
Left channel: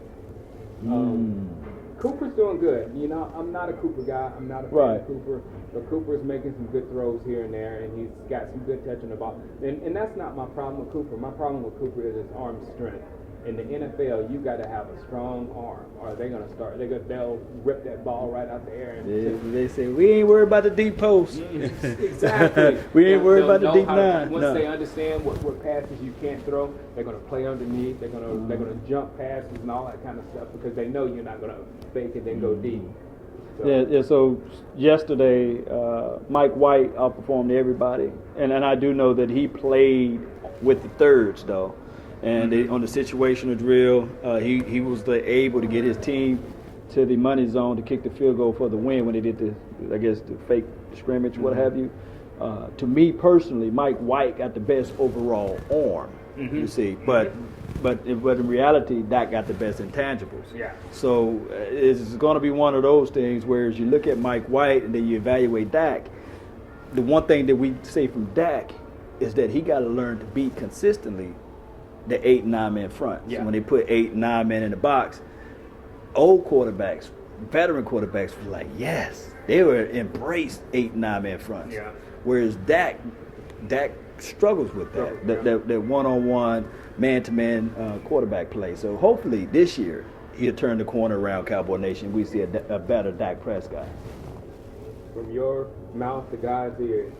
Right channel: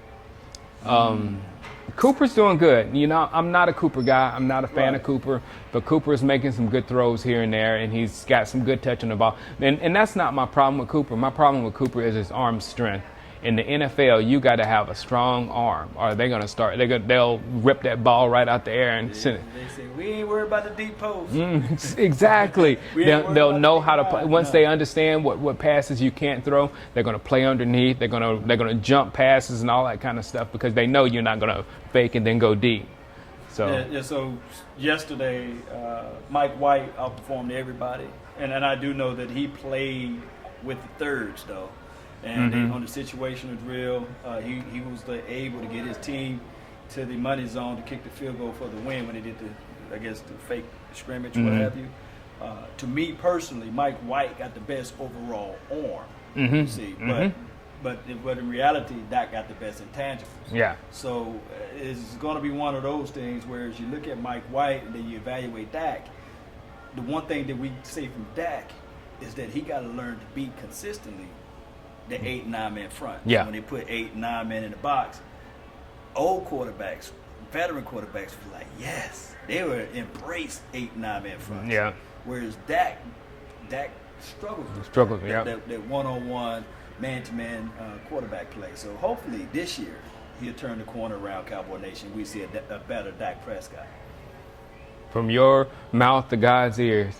Cooper's doing good. I'm not a Cooper guy. I'm not a fan of Cooper, but Cooper's making some good throws here and there, and he's got some good touch on the ball. And that's not my problem with Cooper. My problem with Cooper is his arm strength. In the NFL, you got to have a strong arm, or they're gonna start. They'll rip that ball right out the air and send it. They say we ain't worried about the deep post. Exactly. They'll know how to play. Once they understand what passes you can't throw, they're gonna play underneath. They're gonna jump passes and all that kind of stuff because they know you're not gonna fake and then go deep. So So yesterday, Mike White outperformed everybody, and I do know that he played with the thirds though. And on the situational drill, he was able to get his team to the money zone to kick the field goal for the win when they did the fake scrimmage, what have you. To me personally, Mike White got the best overall arm, you see. But in reality, Dak got the best intangibles. Yeah. So it's going to be one of those things where as you look at Mike White and then you evaluate Dak, the one thing that we say from Dak is that he got to learn to beat consistently the 8 and 9 man front. Yeah. So when they put 8 and 9 men in the box, old quarterbacks veteran quarterbacks were like, yes, they were embraced 8, 9-man fronts. Yeah. Whereas Dak struggles with that one-on-one, man-to-man quarterback play. So hopefully this year he'll turn the corner around, Cowboy Nation. We see a better Dak Prescott. From your mouth to God's ears.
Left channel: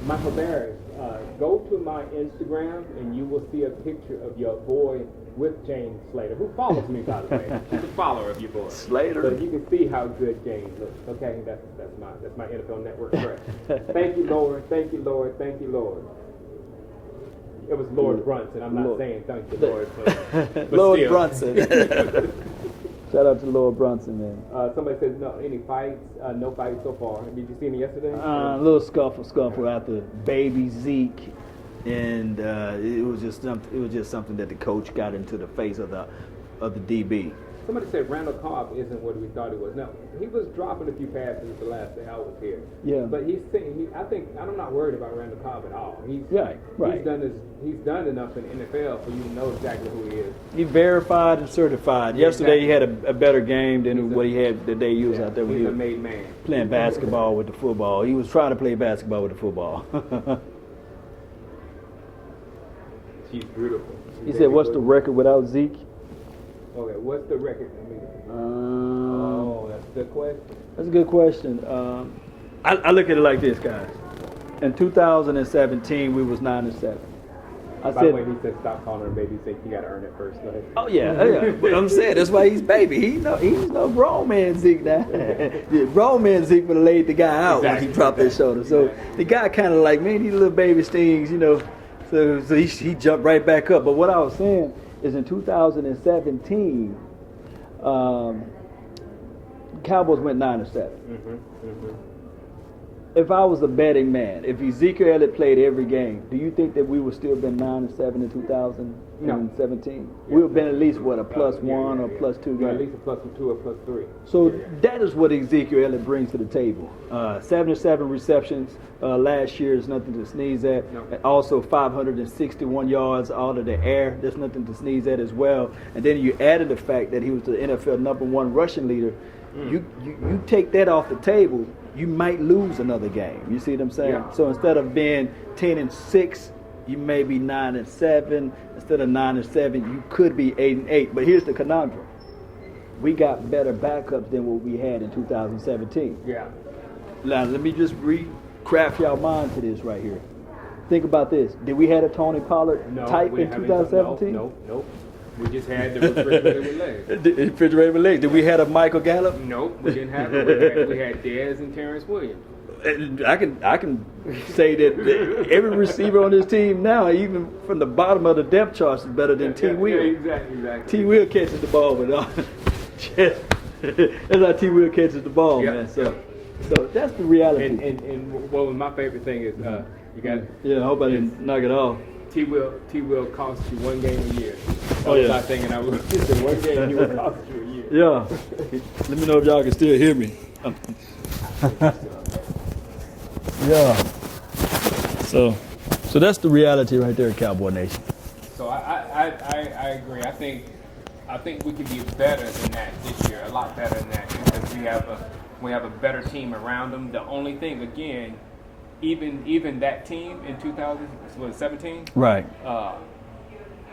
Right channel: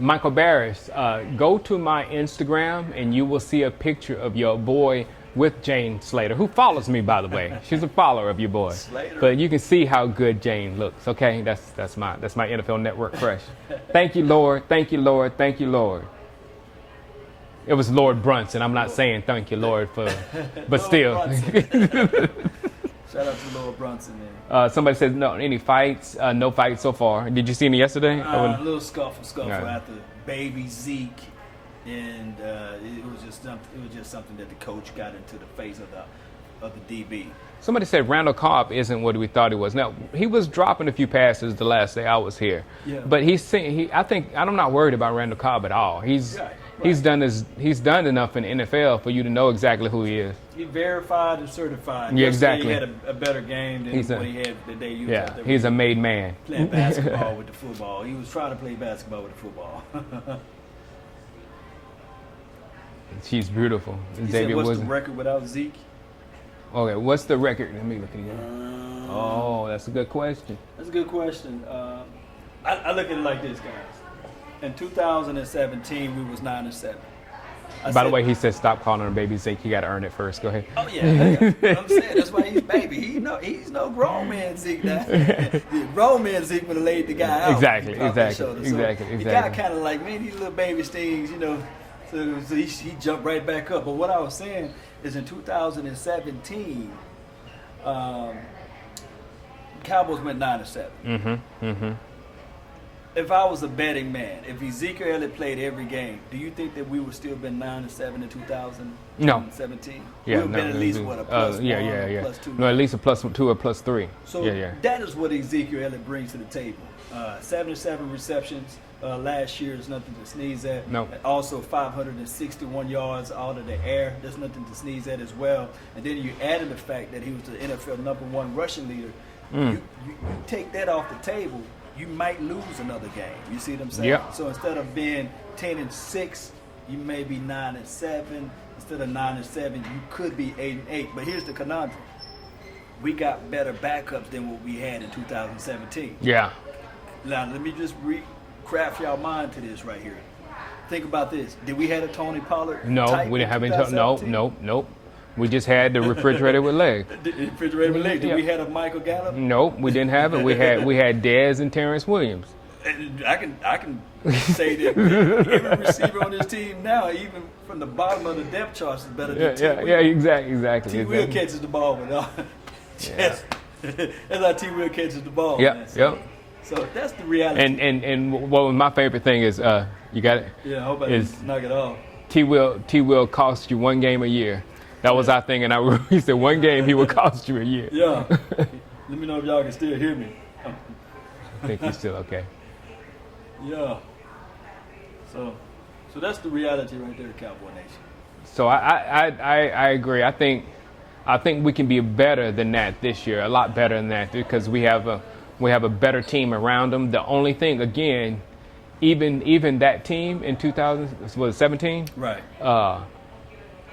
Michael Barris, go to my Instagram and you will see a picture of your boy with Jane Slater, who follows me, by the way. She's a follower of your boy. Slater. But you can see how good Jane looks. Okay, that's my NFL Network fresh. Thank you, Lord. Thank you, Lord. Thank you, Lord. It was Lord Brunson. I'm not saying thank you, Lord, but Lord still. Brunson. Shout out to Lord Brunson, man. Somebody says no. Any fights? No fights so far. Did you see me yesterday? A little scuffle after baby Zeke, and it was just something that the coach got into the face of the DB. Somebody said Randall Cobb isn't what we thought he was. Now he was dropping a few passes the last day I was here. Yeah. But I'm not worried about Randall Cobb at all. He's done enough in the NFL for you to know exactly who he is. He's verified and certified. Yeah, Yesterday exactly. he had a better game than what he had the day he was out there. He's a made man. Playing basketball with the football. He was trying to play basketball with the football. She's beautiful. He said, "What's the record without Zeke?" Okay, what's the record? Let me look again. That's a good question. That's a good question. I look at it like this, guys. In 2017, we was 9-7. By the way, he said stop calling her baby Zeke. You got to earn it first. Go ahead. Oh yeah. But I'm saying that's why he's baby. He's no grown man Zeke now. The grown man Zeke would have laid the guy out when he dropped his shoulder. So the guy kind of like, man, these little baby stings, you know. So he jumped right back up. But what I was saying is in 2017, Cowboys went 9-7. If I was a betting man, if Ezekiel Elliott played every game, do you think that we would still been 9-7 in 2017? Yeah, we would have been at least what, a plus one or plus two? No, at least a plus 2 or plus 3. So that is what Ezekiel Elliott brings to the table. 77 receptions last year is nothing to sneeze at. No. Also 561 yards out of the air. There's nothing to sneeze at as well. And then you added the fact that he was the NFL #1 rushing leader. You take that off the table, you might lose another game. You see what I'm saying? Yeah. So instead of being 10-6, you may be 9-7. Instead of 9-7, you could be 8-8. But here's the conundrum: we got better backups than what we had in 2017. Yeah. Now let me just craft y'all mind to this right here. Think about this: did we have a Tony Pollard? No, type we didn't in have 2017? Nope. We just had the refrigerator with legs. The refrigerator with legs. Did we have a Michael Gallup? Nope, we didn't have it. We had Dez and Terrence Williams. I can say that every receiver on this team now, even from the bottom of the depth chart, is better than T. Will. Yeah, exactly. T. Will catches the ball with chest. That's how T. Will catches the ball, man. So that's the reality. And what my favorite thing is, you got it. Yeah, I hope I didn't knock it off. T will cost you 1 game a year. That was our thing, and he said 1 game he would cost you a year. Yeah. Let me know if y'all can still hear me. I think he's still okay. Yeah. So that's the reality right there, Cowboy Nation. So I agree. I think we can be better than that this year, a lot better than that, because we have a better team around them. The only thing, again, even that team in 2017, right?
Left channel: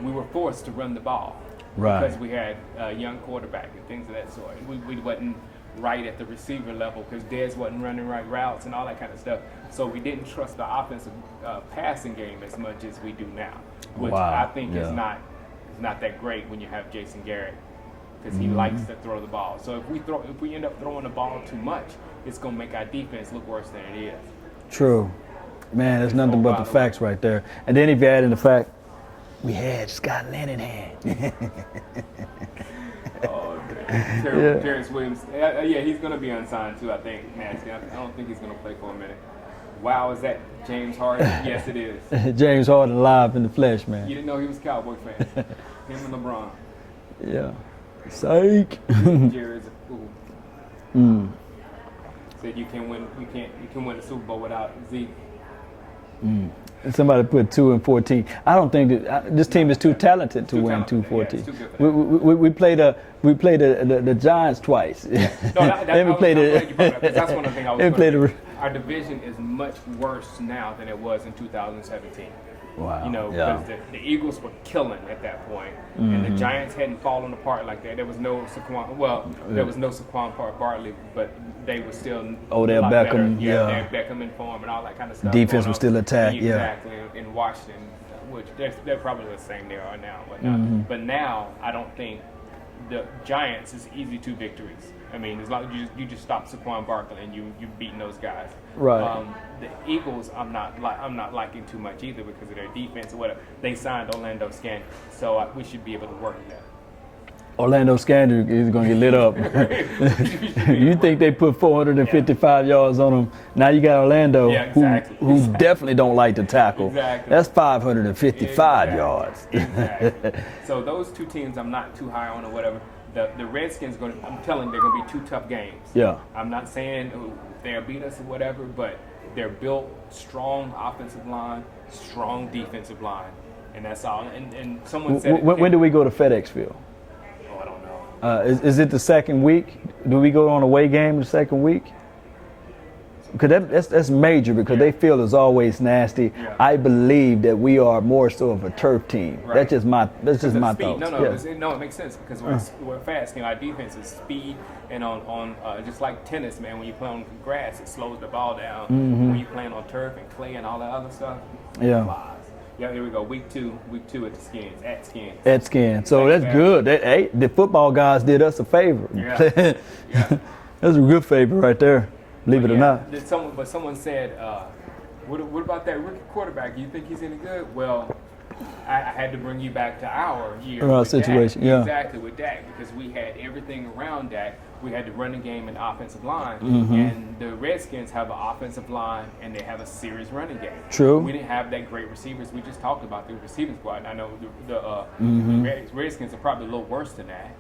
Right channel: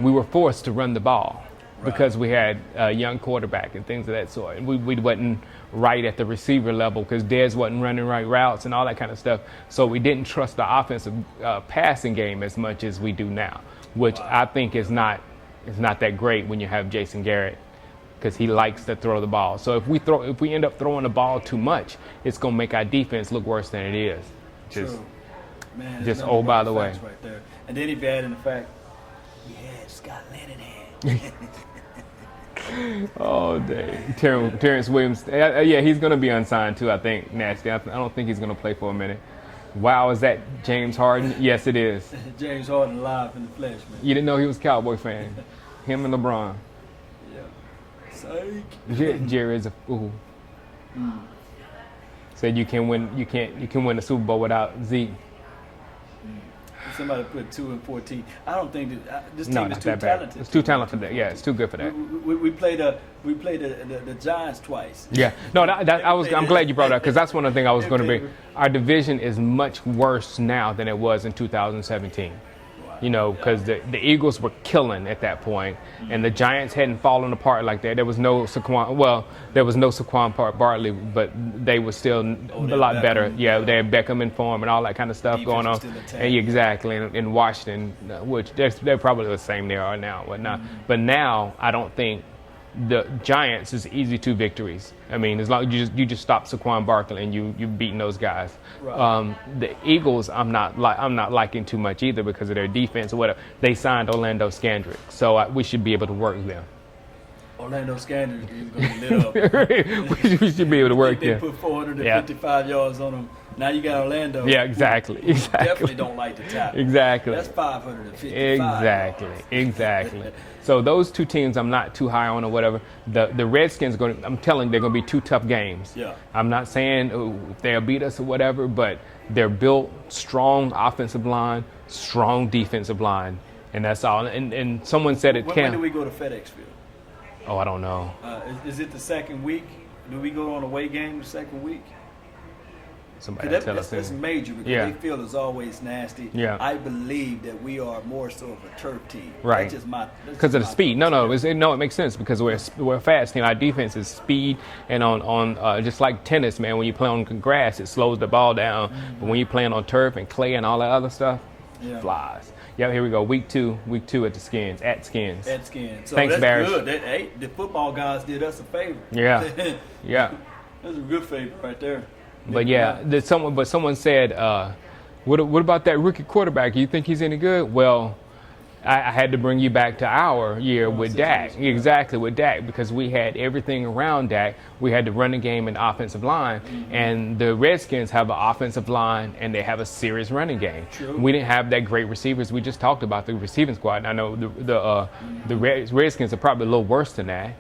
We were forced to run the ball because we had a young quarterback and things of that sort, and we wasn't right at the receiver level because Dez wasn't running right routes and all that kind of stuff. So we didn't trust the offensive passing game as much as we do now, which I think is not that great when you have Jason Garrett, because he likes to throw the ball. So if we end up throwing the ball too much, it's gonna make our defense look worse than it is. True. Man, there's nothing but the facts right there. And then if you add in the fact, we had Scott Linehan. Oh, dang. Terrence Williams. Yeah, he's going to be unsigned too, I think, Nasty. I don't think he's going to play for a minute. Wow, is that James Harden? Yes, it is. James Harden live in the flesh, man. You didn't know he was a Cowboy fan. Him and LeBron. Yeah. Psych. Jerry is a fool. Said you can win the Super Bowl without Zeke. Somebody put 2-14. I don't think that this team is too talented. It's too talented. Yeah, it's too good for that. We played the Giants twice. Yeah. No, I'm glad you brought that because that's one of the things I was going to bring. Our division is much worse now than it was in 2017. Wow. You know, because the Eagles were killing at that point, and the Giants hadn't fallen apart like that. There was no Saquon. Well, there was no Saquon Barkley, but they were still a lot better. Yeah, they had Beckham in form and all that kind of stuff Defense going on. was still attacked. Exactly. In Washington, which they're probably the same they are now, whatnot. But now I don't think the Giants is easy 2 victories. I mean, as long as you just stop Saquon Barkley and you've beaten those guys. Right. The Eagles, I'm not liking too much either because of their defense or whatever. They signed Orlando Scandrick, so we should be able to work them. Orlando Scandrick is going to get lit up. We should be able to work think they put 455 yards on him. Now you got Orlando. Yeah, exactly. Who definitely don't like to tackle. Exactly. That's 555 yards. Exactly. So those 2 teams I'm not too high on or whatever. The Redskins I'm telling you, they're going to be 2 tough games. Yeah. I'm not saying they'll beat us or whatever, but they're built strong offensive line, strong defensive line, and that's all. And someone said when do we go to FedEx Field? Oh, I don't know. Is it the second week? Do we go on a away game the second week? Because that's major because they feel is always nasty. Yeah. I believe that we are more so of a turf team. Right. That's just my because of the speed. Thoughts. No, it makes sense because we're a fast team. Our defense is speed, and on just like tennis, man. When you play on grass, it slows the ball down. When you playing on turf and clay and all that other stuff, it flies. Yeah, here we go. Week two at the Skins, at Skins. So Thanks, that's Bears. good. The football guys did us a favor. Yeah, yeah. That's a good favor right there. Believe it or not. Someone said, what about that rookie quarterback? You think he's any good? Well, I had to bring you back to our year with Dak. Yeah. Exactly, with Dak, because we had everything around Dak. We had the running game and offensive line, and the Redskins have an offensive line, and they have a serious running game. True. We didn't have that great receivers. We just talked about the receiving squad. And I know the Redskins are probably a little worse than that,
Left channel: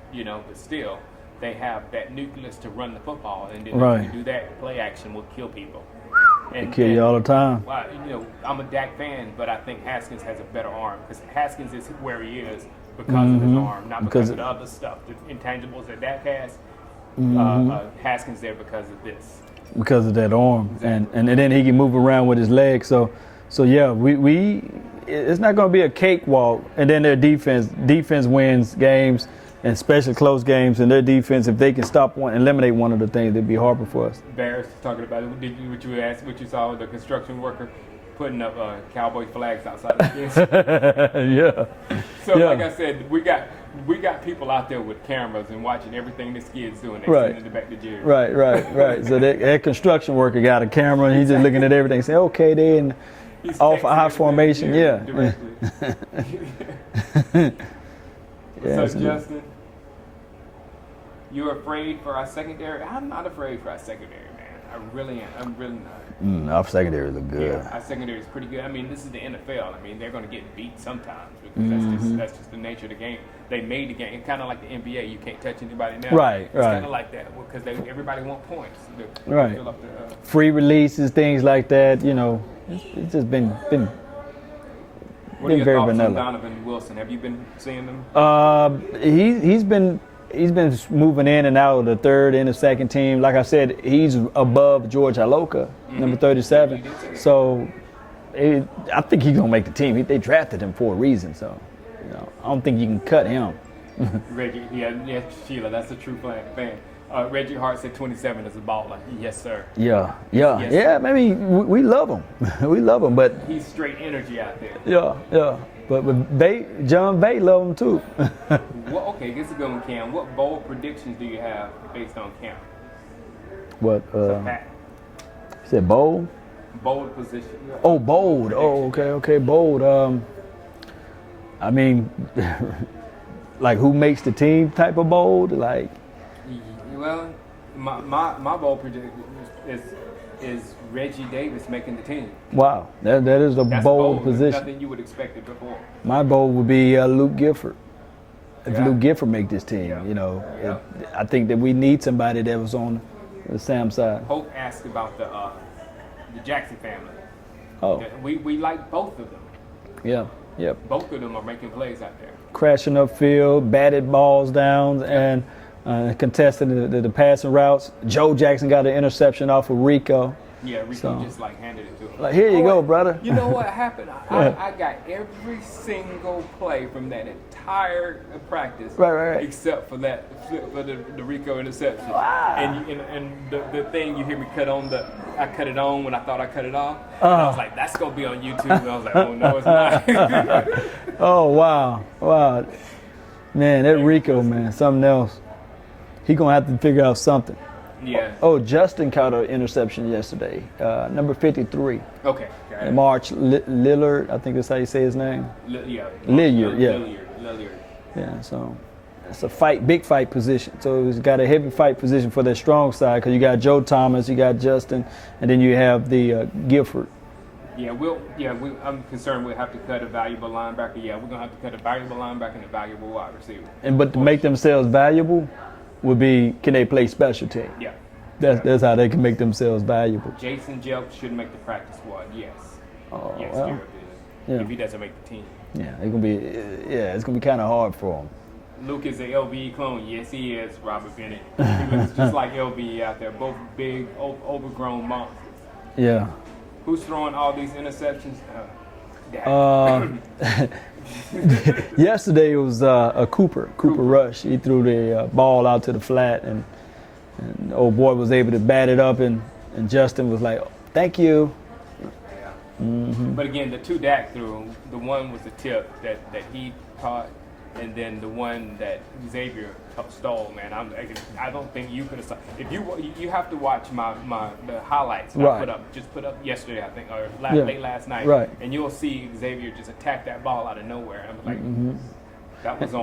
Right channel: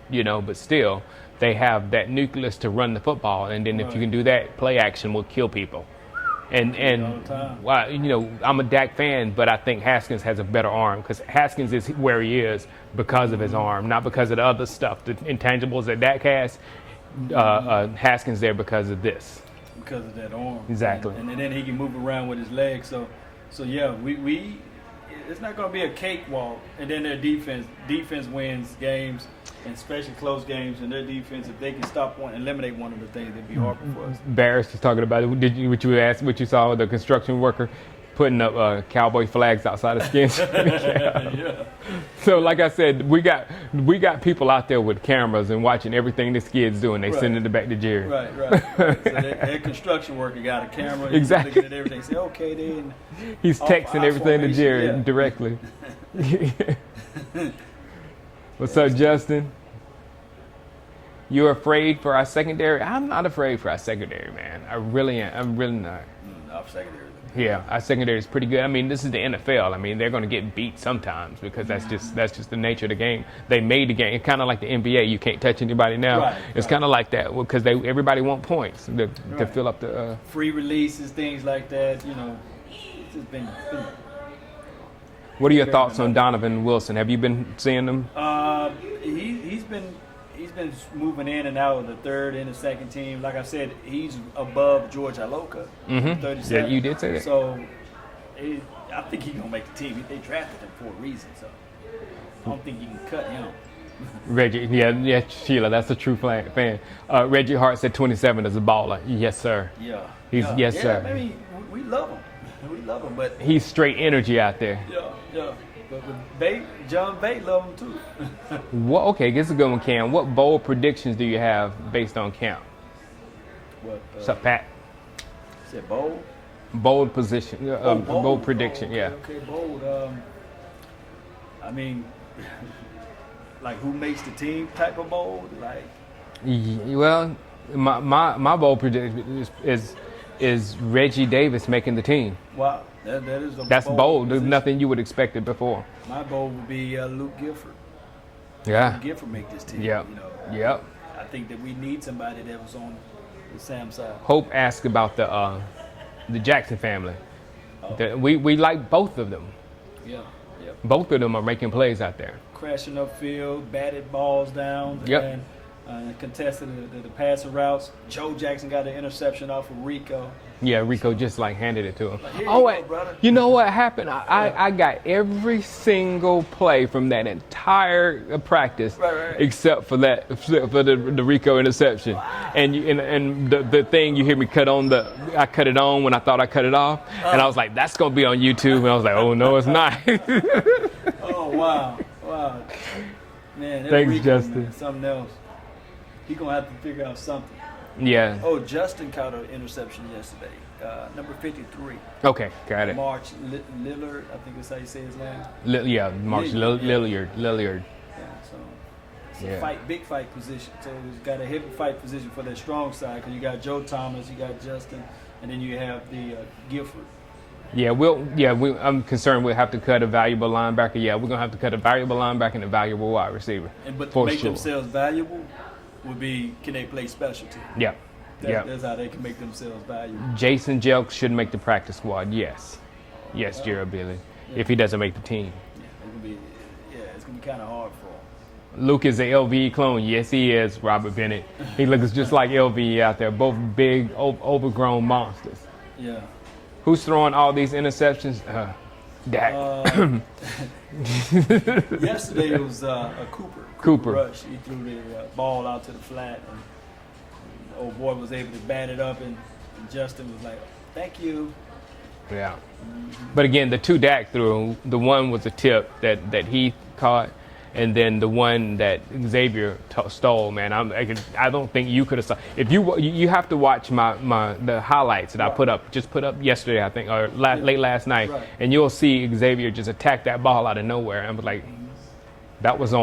but still, they have that nucleus to run the football, and then if you can do that, play action will kill people. And kill you all the time. Well, I'm a Dak fan, but I think Haskins has a better arm because Haskins is where he is because of his arm, not because of the other stuff, the intangibles that Dak has. Haskins there because of this. Because of that arm. Exactly. And then he can move around with his legs. So yeah, we it's not going to be a cakewalk. And then their defense wins games, and especially close games. And their defense, if they can eliminate one of the things, it'd be harder for us. Barris was talking about it. What you saw with the construction worker putting up cowboy flags outside of Skins. Yeah. So like I said, we got people out there with cameras and watching everything this kid's doing. They sending it back to Jerry. Right. So that construction worker got a camera and he's just looking at everything and saying, okay, then he's texting everything to Jerry directly. What's up, Justin? You're afraid for our secondary? I'm not afraid for our secondary, man. I really am. I'm really not. Our secondary look good. Yeah, our secondary is pretty good. I mean, this is the NFL. I mean, they're going to get beat sometimes because that's just the nature of the game. They made the game. It's kind of like the NBA. You can't touch anybody now. Right. It's kind of like that because everybody want points to fill up the free releases, things like that. It's just been. What are your thoughts on Donovan Wilson? Have you been seeing him? He's been moving in and out of the third and the second team. Like I said, he's above George Iloka, number 37. Yeah, you did say that. So I think he's gonna make the team. They drafted him for a reason. So I don't think you can cut him. Reggie, yeah, Sheila, that's a true fan. Reggie Hart said 27 is a baller. Yes, sir. Yeah. Yes, sir. I mean, we love him. We love him, but he's straight energy out there. Yeah. But John Bate love him too. Okay, this is a good one, Cam. What bold predictions do you have based on Cam? What? What's up, Pat? You said bold? Bold position. Bold prediction. Okay, bold. I mean, like who makes the team type of bold? Like, well, my bold prediction is Reggie Davis making the team. Wow, that's bold position. There's nothing you would expect it before. My bold would be Luke Gifford. If Luke Gifford make this team, Yeah. I think that we need somebody that was on the Sam side. Hope asked about the Jackson family. Oh. We like both of them. Yeah. Yep. Both of them are making plays out there. Crashing upfield, batted balls down, Yep. and contested the passing routes. Joe Jackson got an interception off of Rico. Yeah, Rico just handed it to him. Like, here you go, brother. You know what happened? I got every single play from that entire practice, Right. except for the Rico interception. Wow. And the thing you hear me I cut it on when I thought I cut it off, and I was like, that's gonna be on YouTube, and I was like, oh no, it's not. Oh wow, man, that Thanks, Rico, Justin. man, something else. He gonna have to figure out something. Yeah. Oh, Justin caught an interception yesterday. Number 53. Okay, got it. March Lillard, I think that's how you say his name. March Lilliard. Yeah, so it's a big fight position. So he's got a heavy fight position for that strong side because you got Joe Thomas, you got Justin, and then you have the Gifford. Yeah, I'm concerned we'll have to cut a valuable linebacker. Yeah, we're gonna have to cut a valuable linebacker and a valuable wide receiver. But to make themselves valuable would be, can they play special team? Yeah. That's how they can make themselves valuable. Jason Jelks should make the practice squad. Yes. Yes, well, Jared Billy. yeah. If he doesn't make the team. Yeah, it's gonna be kind of hard for him. Luke is a LVE clone. Yes, he is. Robert Bennett. He looks just like LVE out there. Both big, overgrown monsters. Yeah. Who's throwing all these interceptions? Dak. Yesterday it was a Cooper Rush. He threw the ball out to the flat, and old boy was able to bat it up, and Justin was like, "Thank you." Yeah. Mm-hmm. But again, the two Dak threw, the one was a tip that he caught, and then the one that Xavier stole. Man, I don't think you could have. If you have to watch the highlights that I put up yesterday, I think, or late last night, and you'll see Xavier just attack that ball out of nowhere. And I was like, that was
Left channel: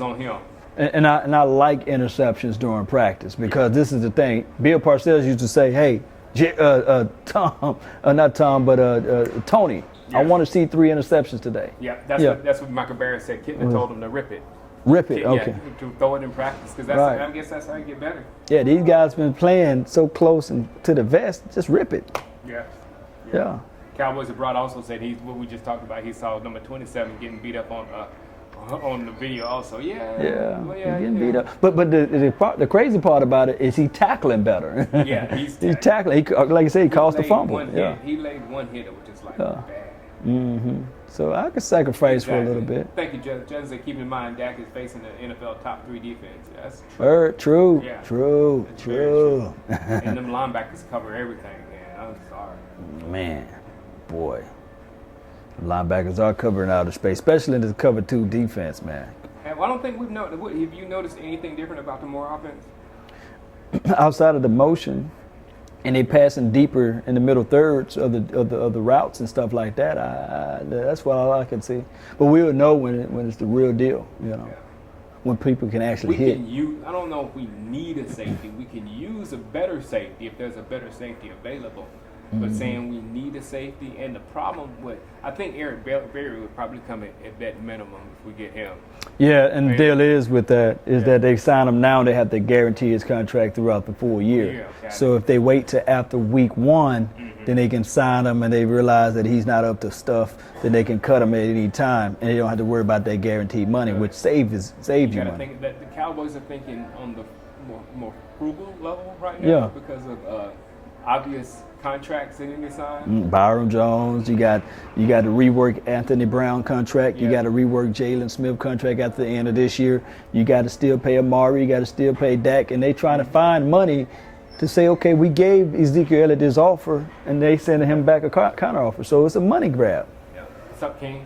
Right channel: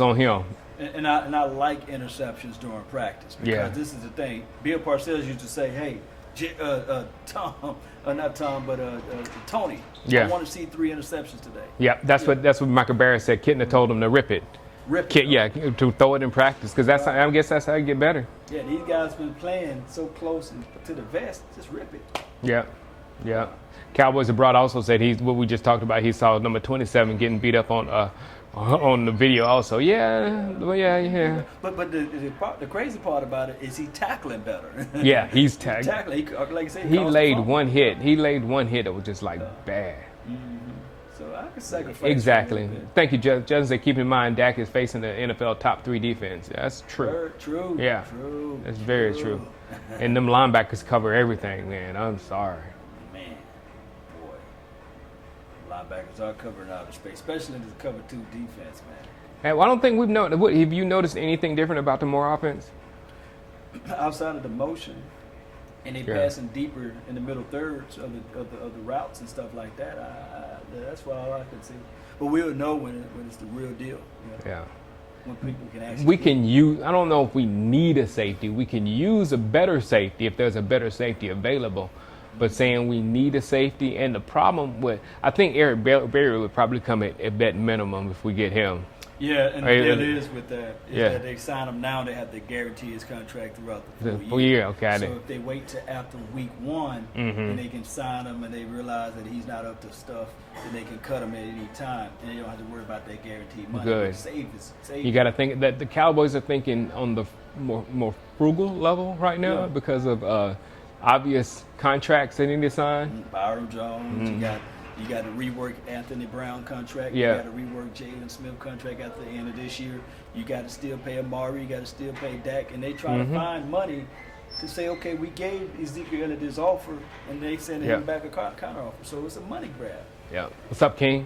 on him. And I like interceptions during practice because this is the thing. Bill Parcells used to say, "Hey, Tony, I want to see 3 interceptions today." Yeah, that's what Michael Barrett said. Kitten told him to rip it. Okay. To throw it in practice because I guess that's how you get better. Yeah, these guys been playing so close to the vest, just rip it. Yeah. Cowboys abroad also said what we just talked about. He saw number 27 getting beat up on the video also. Yeah. But the crazy part about it is he tackling better. Yeah, he's tackling. Like you said, he caused the fumble. One hit. He laid one hit that was just like bad. Mm-hmm. So I could sacrifice for a little bit. Thank you, Judge. Judge, keep in mind Dak is facing the NFL top 3 defense. That's true. True. Yeah. True. That's very true. And them linebackers cover everything, man. I'm sorry. Man, boy. Linebackers are covering outer space, especially in the cover 2 defense, man. And I don't think we've noticed. Have you noticed anything different about the Moore offense? Outside of the motion, and they passing deeper in the middle thirds of the routes and stuff like that. That's what I can see. But we would know when it's the real deal. You know, when people can actually. I don't know if we need a safety. We can use a better safety if there's a better safety available. But saying we need a safety, and the problem I think Eric Berry would probably come at that minimum if we get him. Yeah, and the deal is with that that they sign him now, they have to guarantee his contract throughout the full year. So if they wait till after week 1, then they can sign him, and they realize that he's not up to stuff, then they can cut him at any time, and they don't have to worry about that guaranteed money, which saves you got to think that the Cowboys are thinking on the more frugal level right now because of obvious contracts they need to sign. Byron Jones, you got to rework Anthony Brown contract. You got to rework Jalen Smith contract at the end of this year. You got to still pay Amari. You got to still pay Dak, and they trying to find money to say, okay, we gave Ezekiel Elliott this offer, and they sending him back a counter offer. So it's a money grab. Yeah. What's up, King?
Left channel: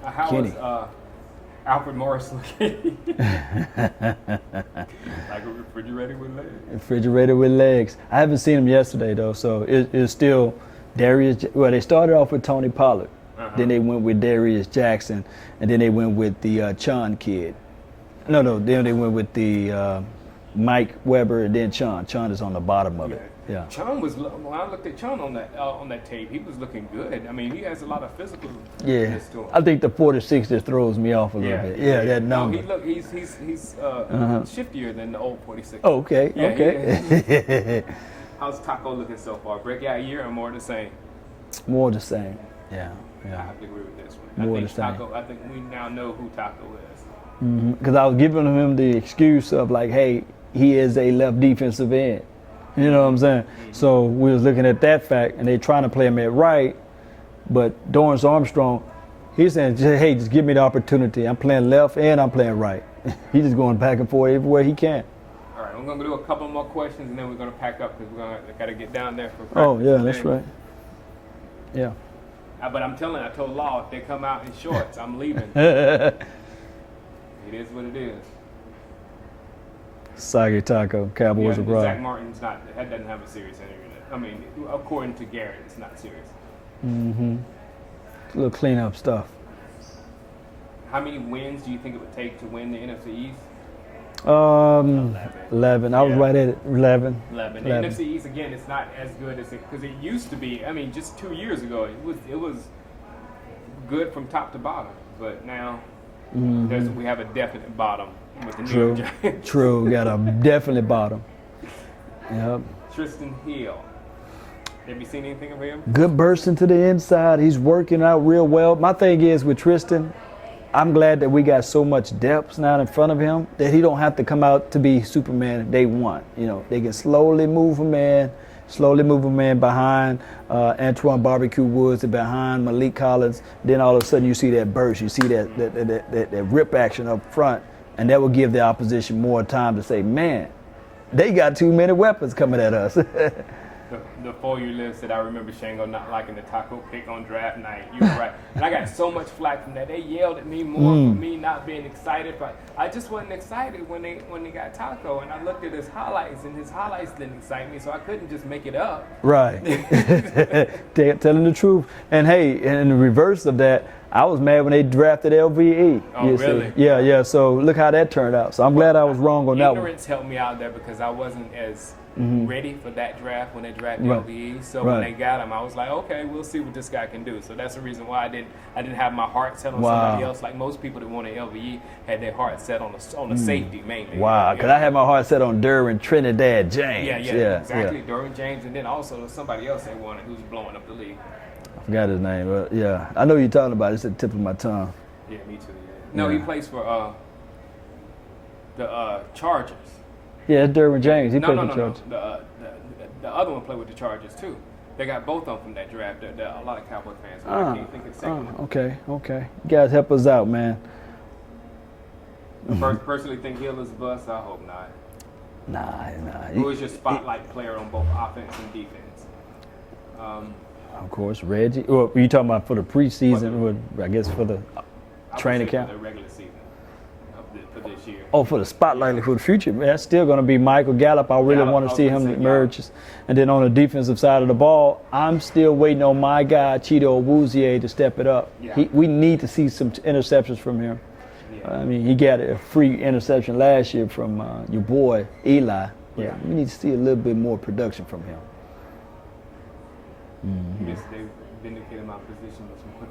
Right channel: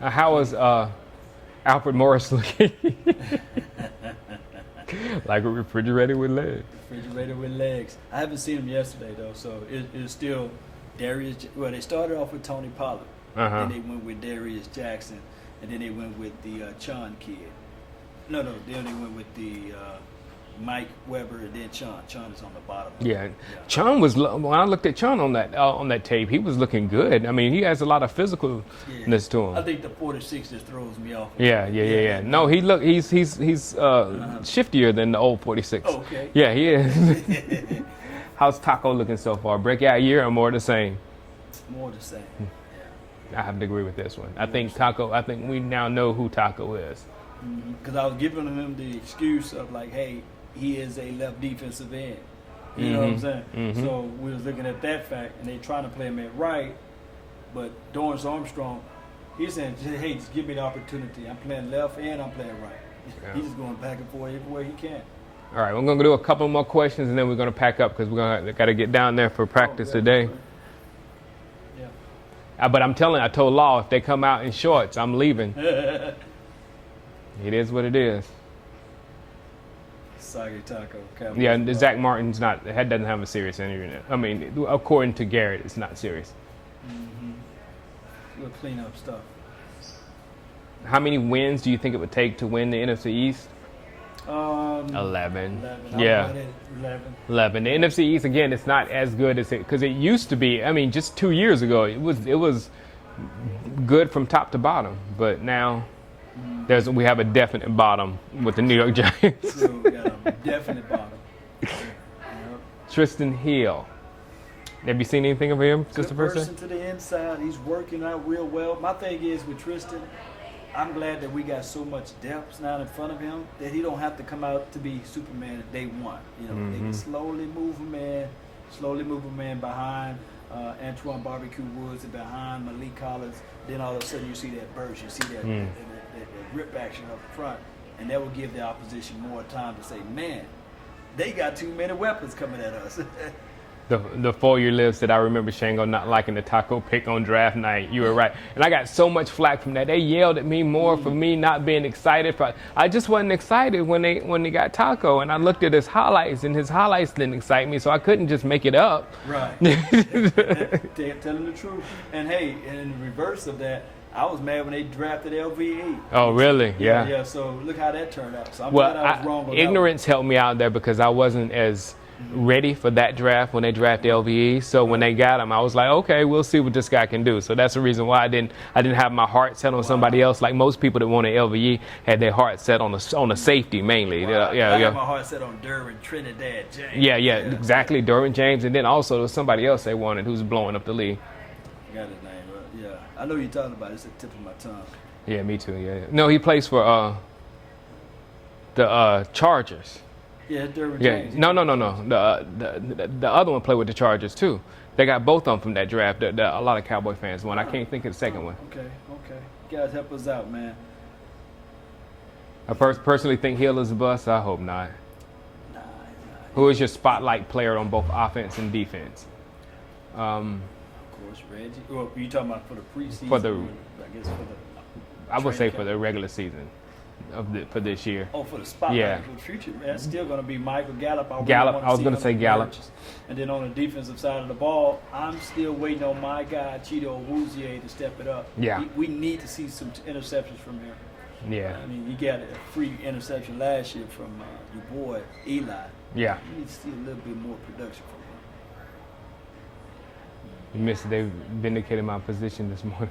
How is Alfred Morris looking? Like a refrigerator with legs. Refrigerator with legs. I haven't seen him yesterday, though, so it's still Darius. Well, they started off with Tony Pollard. Then they went with Darius Jackson, and then they went with the Chun kid. Then they went with the Mike Weber, and then Chun. Chun is on the bottom of it. Yeah. Chun was, when I looked at Chun on that tape, he was looking good. I mean, he has a lot of physicalness to him. I think the 46 just throws me off a little bit. Yeah. No, he's shiftier than the old 46. Oh, okay. Yeah, he is. How's Taco looking so far? Breakout year or more the same? More the same. Yeah. I have to agree with this one. More I think the same. Taco. I think we now know who Taco is. Because I was giving him the excuse of like, hey, he is a left defensive end. You know what I'm saying? So we was looking at that fact, and they trying to play him at right, but Dorrance Armstrong, he's saying, hey, just give me the opportunity. I'm playing left and I'm playing right. He's just going back and forth everywhere he can. All right, we're gonna do a couple more questions, and then we're gonna pack up because we gotta get down there for practice today. That's right. Yeah. But I told Law if they come out in shorts, I'm leaving. It is what it is. Sagi Taco, Cowboys. Yeah, Zach Martin's doesn't have a serious injury. I mean, according to Garrett, it's not serious. A little cleanup stuff. How many wins do you think it would take to win the NFC East? 11. 11. I was right at it. 11. 11. The NFC East, again, it's not as good as it, because it used to be. I mean, just 2 years ago, it was good from top to bottom. But now we have a definite bottom with the New York Giants. True. We got a definite bottom. Yep. Tristan Hill. Have you seen anything of him? Good burst into the inside. He's working out real well. My thing is with Tristan, I'm glad that we got so much depth now in front of him that he don't have to come out to be Superman day one. You know, they can slowly move a man behind Antoine Barbecue Woods and behind Malik Collins. Then all of a sudden you see that burst, you see that rip action up front, and that will give the opposition more time to say, man, they got too many weapons coming at us. The 4-year live said, I remember Shango not liking the Taco pick on draft night. You were right. And I got so much flack from that. They yelled at me more for me not being excited. I just wasn't excited when they got Taco. And I looked at his highlights, and his highlights didn't excite me, so I couldn't just make it up. Right. Telling the truth. And hey, in the reverse of that, I was mad when they drafted LVE. Oh, really? Yeah. So look how that turned out. So I'm glad I was wrong on that one. Ignorance helped me out there because I wasn't as ready for that draft when they drafted LVE. So when they got him, I was like, okay, we'll see what this guy can do. So that's the reason why I didn't have my heart set on somebody else. Like most people that wanted LVE had their heart set on the safety mainly. Wow. I had my heart set on Derwin Trinidad James. Yeah, exactly. Derwin James, and then also there was somebody else they wanted who's blowing up the league. I forgot his name, but yeah, I know you're talking about it. It's at the tip of my tongue. Yeah, me too. Yeah. No, he plays for the Chargers. Yeah, it's Derwin James. No. The other one played with the Chargers too. They got both of them from that draft. A lot of Cowboy fans, but I can't think of the second one. Okay. You guys help us out, man. I personally think Hill is a bust. I hope not. Nah. Who is your spotlight player on both offense and defense? Of course, Reggie. Well, you talking about for the preseason? I guess for the I would say for the regular season for this year. Oh, for the spotlight for the future, man. That's still going to be Michael Gallup. I really want to see him emerge. And then on the defensive side of the ball, I'm still waiting on my guy, Cheeto Awuzie, to step it up. Yeah. We need to see some interceptions from him. Yeah. I mean, he got a free interception last year from your boy, Eli. Yeah. You need to see a little bit more production from him. They've vindicated my position this morning.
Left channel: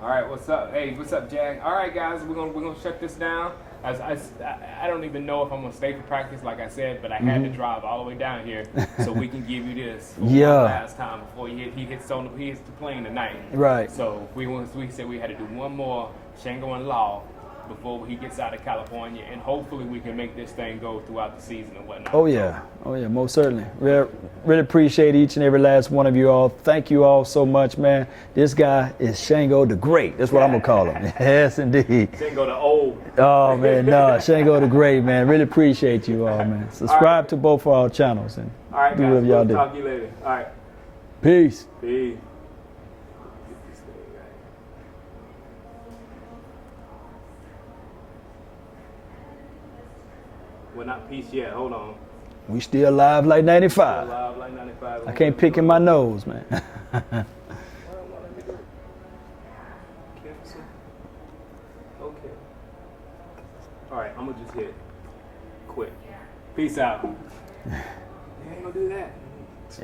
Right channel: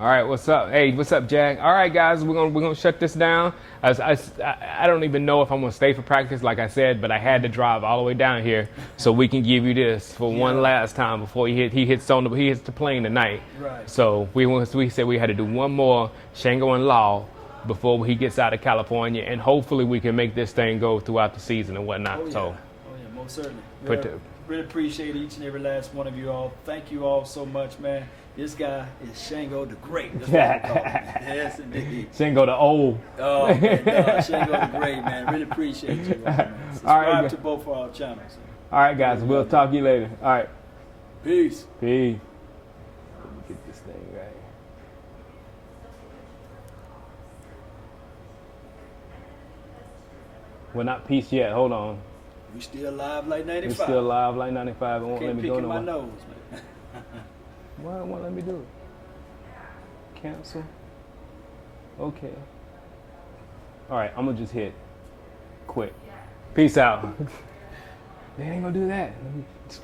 All right, what's up? Hey, what's up, Jack? All right, guys, we're gonna shut this down. I don't even know if I'm gonna stay for practice, like I said, but I had to drive all the way down here so we can give you this for one last time before he hits the plane tonight. Right. So we said we had to do one more Shango and Law before he gets out of California, and hopefully we can make this thing go throughout the season and whatnot. Oh yeah. Oh yeah, most certainly. Really appreciate each and every last one of you all. Thank you all so much, man. This guy is Shango the Great. That's what I'm gonna call him. Yes, indeed. Shango the Old. Oh man, no, Shango the Great, man. Really appreciate you all, man. Subscribe to both of our channels. And all right, guys. We'll talk to you later. All right. Peace. Peace. Get this thing right. We're not peace yet. Hold on. We still live like 95. Still live like 95. I can't pick in my nose, man. Why won't let me do it? Cancel. Okay. All right, I'm gonna just hit quit. Peace out. They ain't gonna do that.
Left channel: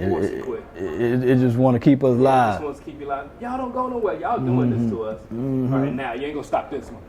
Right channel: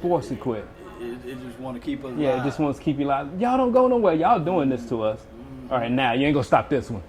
Force it quit. It just want to keep us live. It just wants to keep you live. Y'all don't go nowhere. Y'all doing this to us. All right, now you ain't gonna stop this one.